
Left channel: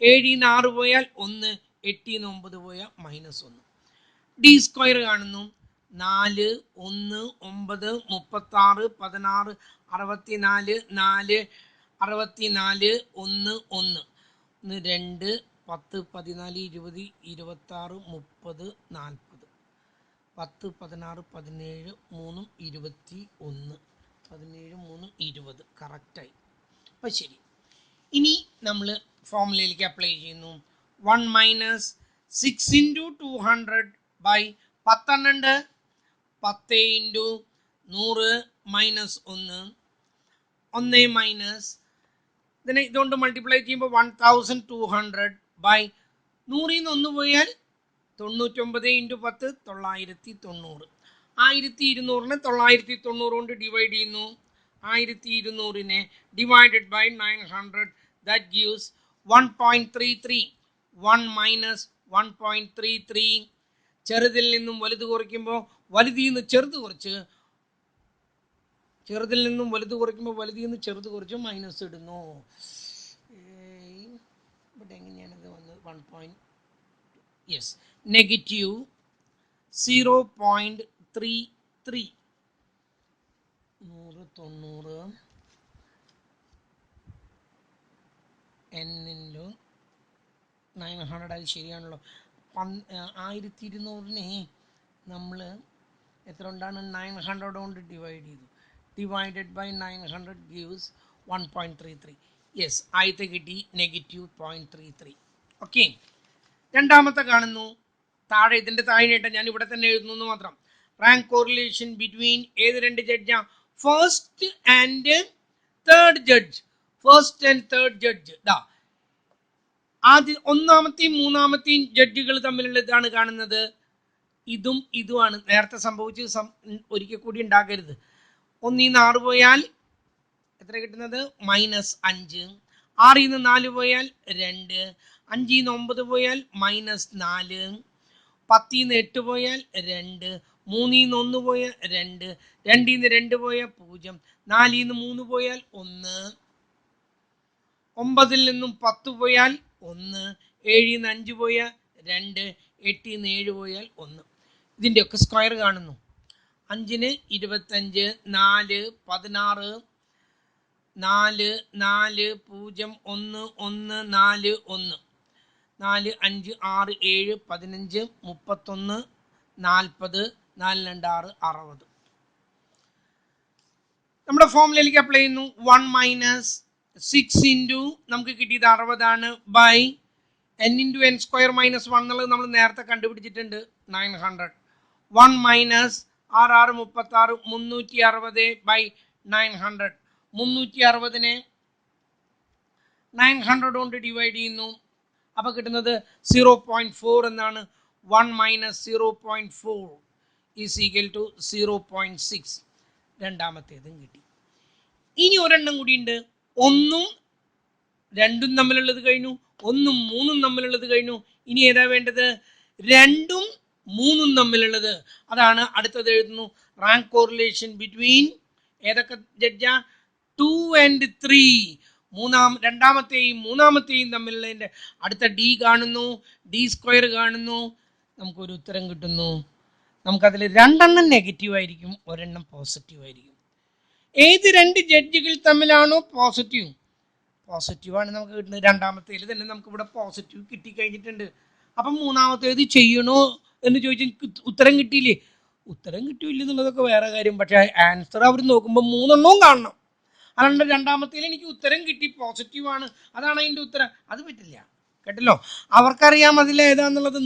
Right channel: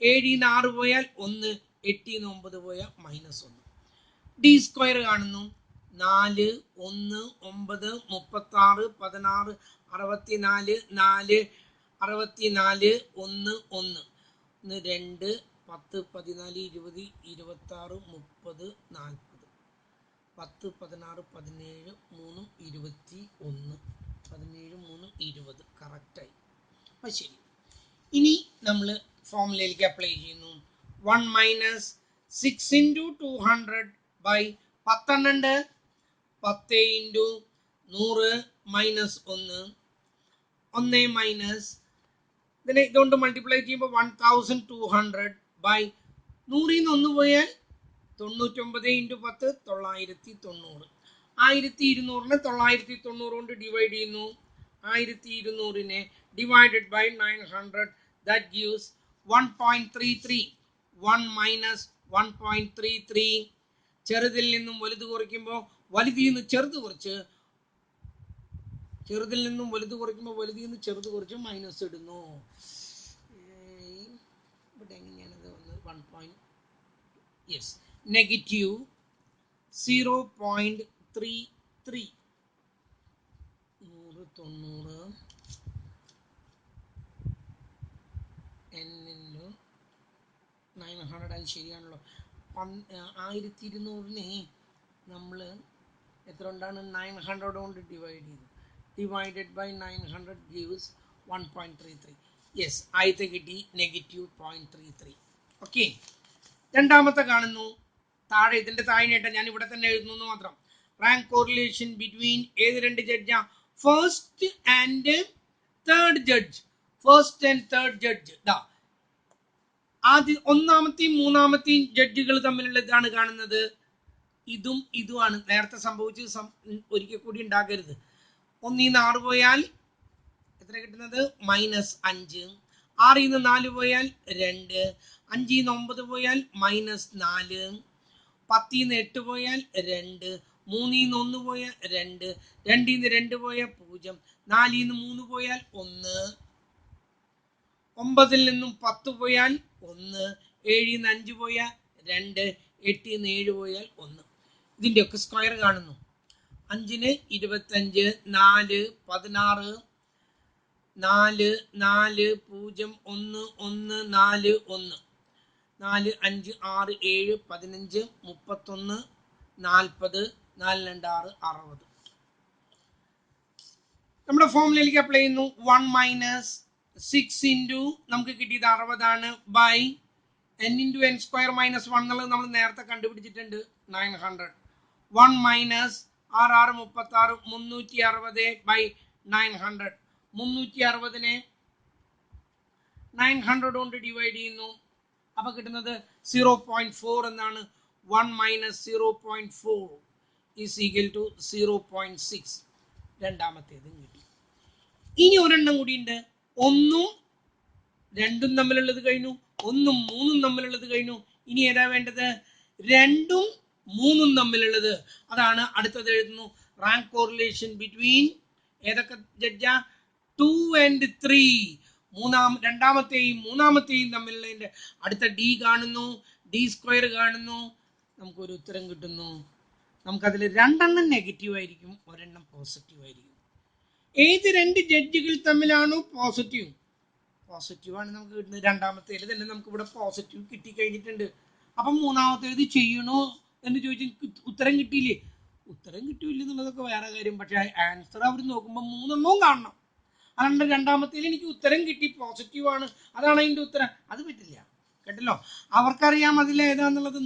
8, 7 6 പോയാൽ 1, 8 9 പോയാൽ മൈനസ് 1. ഡി സ്ക്വയർ കാണുന്നു. 4 1 9 36 16 64 4 64 1 1 2 10 14 20 26 30 40 10 16 17 3 21 17 3 20 കറക്റ്റായി. അപ്പം ശരി. ഇനി നമ്മൾ ഫോമുലയിലേക്ക് അപ്ലൈ ചെയ്യുന്നു. 1 minus 6 into 200 by 10 10 into 100 minus 1 1 minus ഇതിനെ ഇതുകൊണ്ട് മൾട്ടിപ്ലൈ ചെയ്യുമ്പോൾ 1200 ബൈ 100 1 പോയാൽ 99 ഇൻറ്റു 10 990. 1200 990 കൊണ്ട് ഡിവൈഡ് ചെയ്യുന്നു. 1200 divided by 900 that gives 1.33. 1 minus 1.33. ചെറുതിൽ നിന്നും വലുത് കുറയ്ക്കുമ്പോൾ വലുതിൽ നിന്ന് ചെറുത് കുറച്ച്, ചെറുതിൽ നിന്നും വലുത് കുറയ്ക്കുമ്പോൾ വലുതിൽ നിന്ന് ചെറുത് കുറച്ച് മൈനസ് ഇടുന്നു. ഇവിടെ എങ്ങനെയാണിത് വന്നത്? 1. Yes, negative 0.33. 100 90 n into 900. അത് ശരിയാണല്ലോ. 1200 നമ്മൾ എത്ര കൊണ്ടാണ് 900 കൊണ്ട് ഡിവൈഡ് ചെയ്തു. Divided by 900 gives 1.33. യെസ്, ആദ്യത്തെ കിട്ടി നെഗറ്റീവ് 0.33. ഓക്കെ. രണ്ടാമത്തെ കാണുന്നു. താഴെ ഇതിൻ്റെ താഴെയായിട്ട് ഞാൻ ഇവിടെ തന്നെ എഴുതുന്നു മാത്രം. റാങ്ക് കോറിലേഷൻ ബിറ്റ്വീൻ ഏത് രണ്ട് ജഡ്ജാ? First and third judge. First and third judge ദാ ആദ്യം ഒന്നാമത്തെയും മൂന്നാമത്തെയും ജഡ്ജുകൾ തമ്മിലുള്ള ഇതാണ് കാണുന്നത്. ഇതും ഇതുമാണ് നേരത്തെ സംഭവിച്ച് ഒരിക്കൽ കൂടി ഉണ്ടാക്കരുത്. 1 ൽ 6 പോയാൽ എത്ര കിട്ടുന്നത്? -5. 6 ൽ 4 പോയാൽ 2. 5 ൽ 9 പോയാൽ -4. 10 ൽ 8 പോയാൽ 2. 3 ൽ 1 പോയാൽ 2. 2 ൽ 2 പോയാൽ 0. 4 ൽ 3 പോയാൽ 1. 9 ൽ നിന്നും 10 പോയാൽ 1. 7 ൽ 5 പോയാൽ 2. 8 ൽ 7 പോയാൽ 1. ഇതിൻ്റെയൊക്കെ സ്ക്വയർ കാണുന്നു. 5 ന് 25, 4, 16, 4, 4, 0, 1, 1, 4, 1, 4, 5, 6, 7, 15, 31, 40, 4, 2, 6, 60. നമ്മുടെ ഫോമിലേക്ക് അപ്ലൈ ചെയ്യുന്നു. 1 - 6 ഇൻറ്റു നമുക്ക് കിട്ടിയത് 60 by n into n square minus 1 എന്നുള്ളത് നമ്മൾ നേരത്തെ കണ്ടുപിടിച്ചിട്ടുണ്ട് 900. 1 മൈനസ് 6 36 360 ബൈ 900. 360നെ 900 കൊണ്ട് ഡിവൈഡ് ചെയ്യുന്നു. അപ്പോൾ കിട്ടുന്നത് 0.4 എന്നാണ്. 1 മൈനസ് 0.4 ഈസ് ഈക്വൽ ടു 0.6. രണ്ടാമത്തേതും കിട്ടി. ഇനി ഒരെണ്ണം കൂടിയുണ്ട്. 1ഉം 2ഉം തമ്മിലുള്ളത് കഴിഞ്ഞു. 1ഉം 3ഉം തമ്മിലുള്ളത് കഴിഞ്ഞു. ഇനി ഏതാ വേണ്ടത്? 2ഉം 3ഉം തമ്മിലുള്ളത്. അതാണ് അടുത്തത് എഴുതുന്നു. റാങ്ക് കോറിലേഷൻ ബിറ്റ്വീൻ ഏതൊക്കെ ജഡ്ജാ? 2 and 3. രണ്ടാമത്തെയും മൂന്നാമത്തെയും തമ്മിലുള്ളതിൻ്റെ അടുത്ത ഡി കാണുന്നു. ഡി സ്ക്വയർ കാണുന്നു. നമുക്കൊരു ഉത്തരം കിട്ടുന്നു. നമുക്കതിൽ 2 നെഗറ്റീവ് ആയിരിക്കും, ഒരെണ്ണം പോസിറ്റീവ് ആയിരിക്കും. ഏത് 2 ജഡ്ജുകൾ തമ്മിലാണോ പോസിറ്റീവാണ് നമുക്ക് കിട്ടുന്നത്. രണ്ടാമത്തേൽ തന്നെ നമുക്ക് ഇവിടെ പോസിറ്റീവ് കിട്ടിക്കഴിഞ്ഞിട്ടുണ്ട്. അപ്പം മൂന്നാമത്തേത് ചെയ്യണോ എന്ന് ചോദിച്ചാൽ ഉത്തരം കിട്ടിയില്ലേ? ഉത്തരം കിട്ടിയില്ല എന്നുള്ളതൊക്കെ വേറെ കാര്യം. പക്ഷേ ആൻസർ അവർ നോക്കുമ്പോൾ 3 കാണണം. അതുകൊണ്ട് രണ്ടാമത്തേൽ എനിക്ക് ഉത്തരം കിട്ടി, പോസിറ്റീവാണ്, അതാണ് അതിൻ്റെ ഉത്തരം. അത് പറ്റില്ല, കേട്ടല്ലോ. അവർക്കറിയാം അതിലേതാന്നുള്ളത്.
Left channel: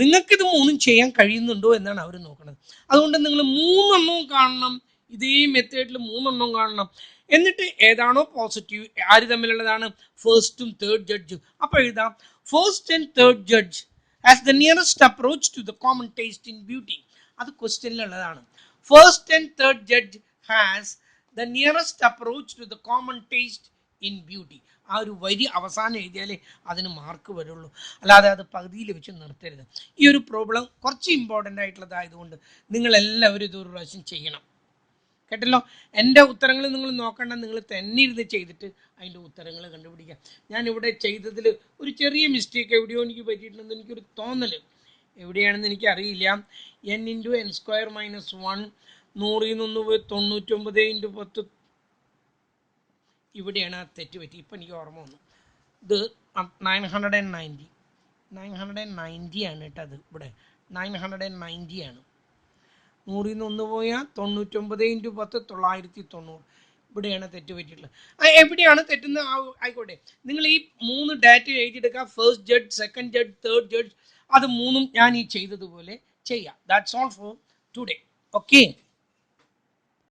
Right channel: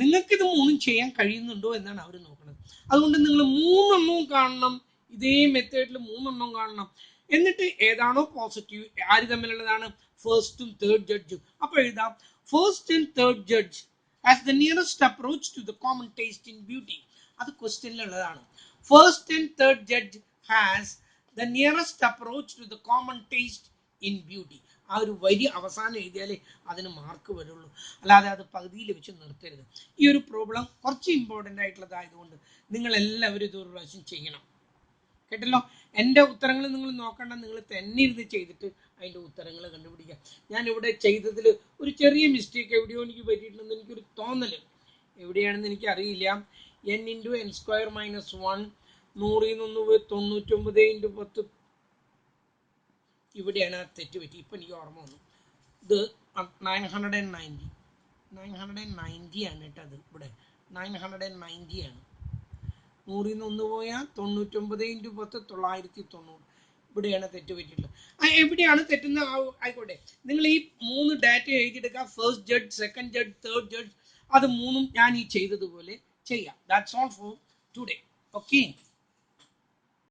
നിങ്ങൾക്കിത് 3ഉം ചെയ്യാൻ കഴിയുന്നുണ്ടോ എന്നാണ് അവർ നോക്കുന്നത്. അതുകൊണ്ട് നിങ്ങൾ 3 കാണണം. ഇതേ മെത്തേഡിൽ 3 കാണണം. എന്നിട്ട് ഏതാണോ പോസിറ്റീവ്, ആര് തമ്മിലുള്ളതാണ്? First and third judge. അപ്പോൾ എഴുതാം, first and third judge as the nearest approach to the common taste in beauty. അത് ക്വസ്റ്റ്യനിലുള്ളതാണ്. First and third judge has the nearest approach to the common taste in beauty. ആ ഒരു വരി അവസാനം എഴുതിയാലേ അതിന് mark വരുള്ളൂ. അല്ലാതെ അത് പകുതിയിൽ വെച്ച് നിർത്തരുത്. ഈ ഒരു പ്രോബ്ലം കുറച്ച് ഇമ്പോർട്ടൻ്റ് ആയിട്ടുള്ളതായതുകൊണ്ട് നിങ്ങളെല്ലാവരും ഇതൊരു പ്രാവശ്യം ചെയ്യണം, കേട്ടല്ലോ. എൻ്റെ ഉത്തരങ്ങൾ നിങ്ങൾ നോക്കണ്ട, നിങ്ങൾ തന്നെ ഇരുന്ന് ചെയ്തിട്ട് അതിൻ്റെ ഉത്തരങ്ങൾ കണ്ടുപിടിക്കുക. ഞാനിവിടെ ചെയ്തതിൽ ഒരു ചെറിയ മിസ്റ്റേക്ക് എവിടെയോ എനിക്ക് പറ്റിയിട്ടുണ്ടെന്ന് എനിക്കൊരു തോന്നൽ. എവിടെയാണെന്ന് എനിക്കറിയില്ല. n into n square minus 1 100 ൽ നിന്ന് 99 ഇൻറ്റു 10. ഇവിടെയാണ് തെറ്റ് പറ്റി. ഇപ്പം എനിക്ക് ഓർമ്മ വന്നു. ഇത് 990 ആണ് കേട്ടോ. അത് ഇവിടെ 990 ആണ്. 100 ൽ നിന്ന് 1 പോയാൽ 99 ഇൻറ്റു 10 990. ഇവിടെയാണ് തെറ്റ് പറ്റിയിട്ടുള്ളത്. എവിടെയാണ് തെറ്റുന്ന ആയിക്കോട്ടെ. നിങ്ങൾ ഈ 3 ഡാറ്റ എഴുതിയെടുക്കുക. First judge, second judge, third judge. അത് 3ഉം ഞാൻ ഈ ചെയ്തതുപോലെ ചെയ്യാം. That's all for today. Okay.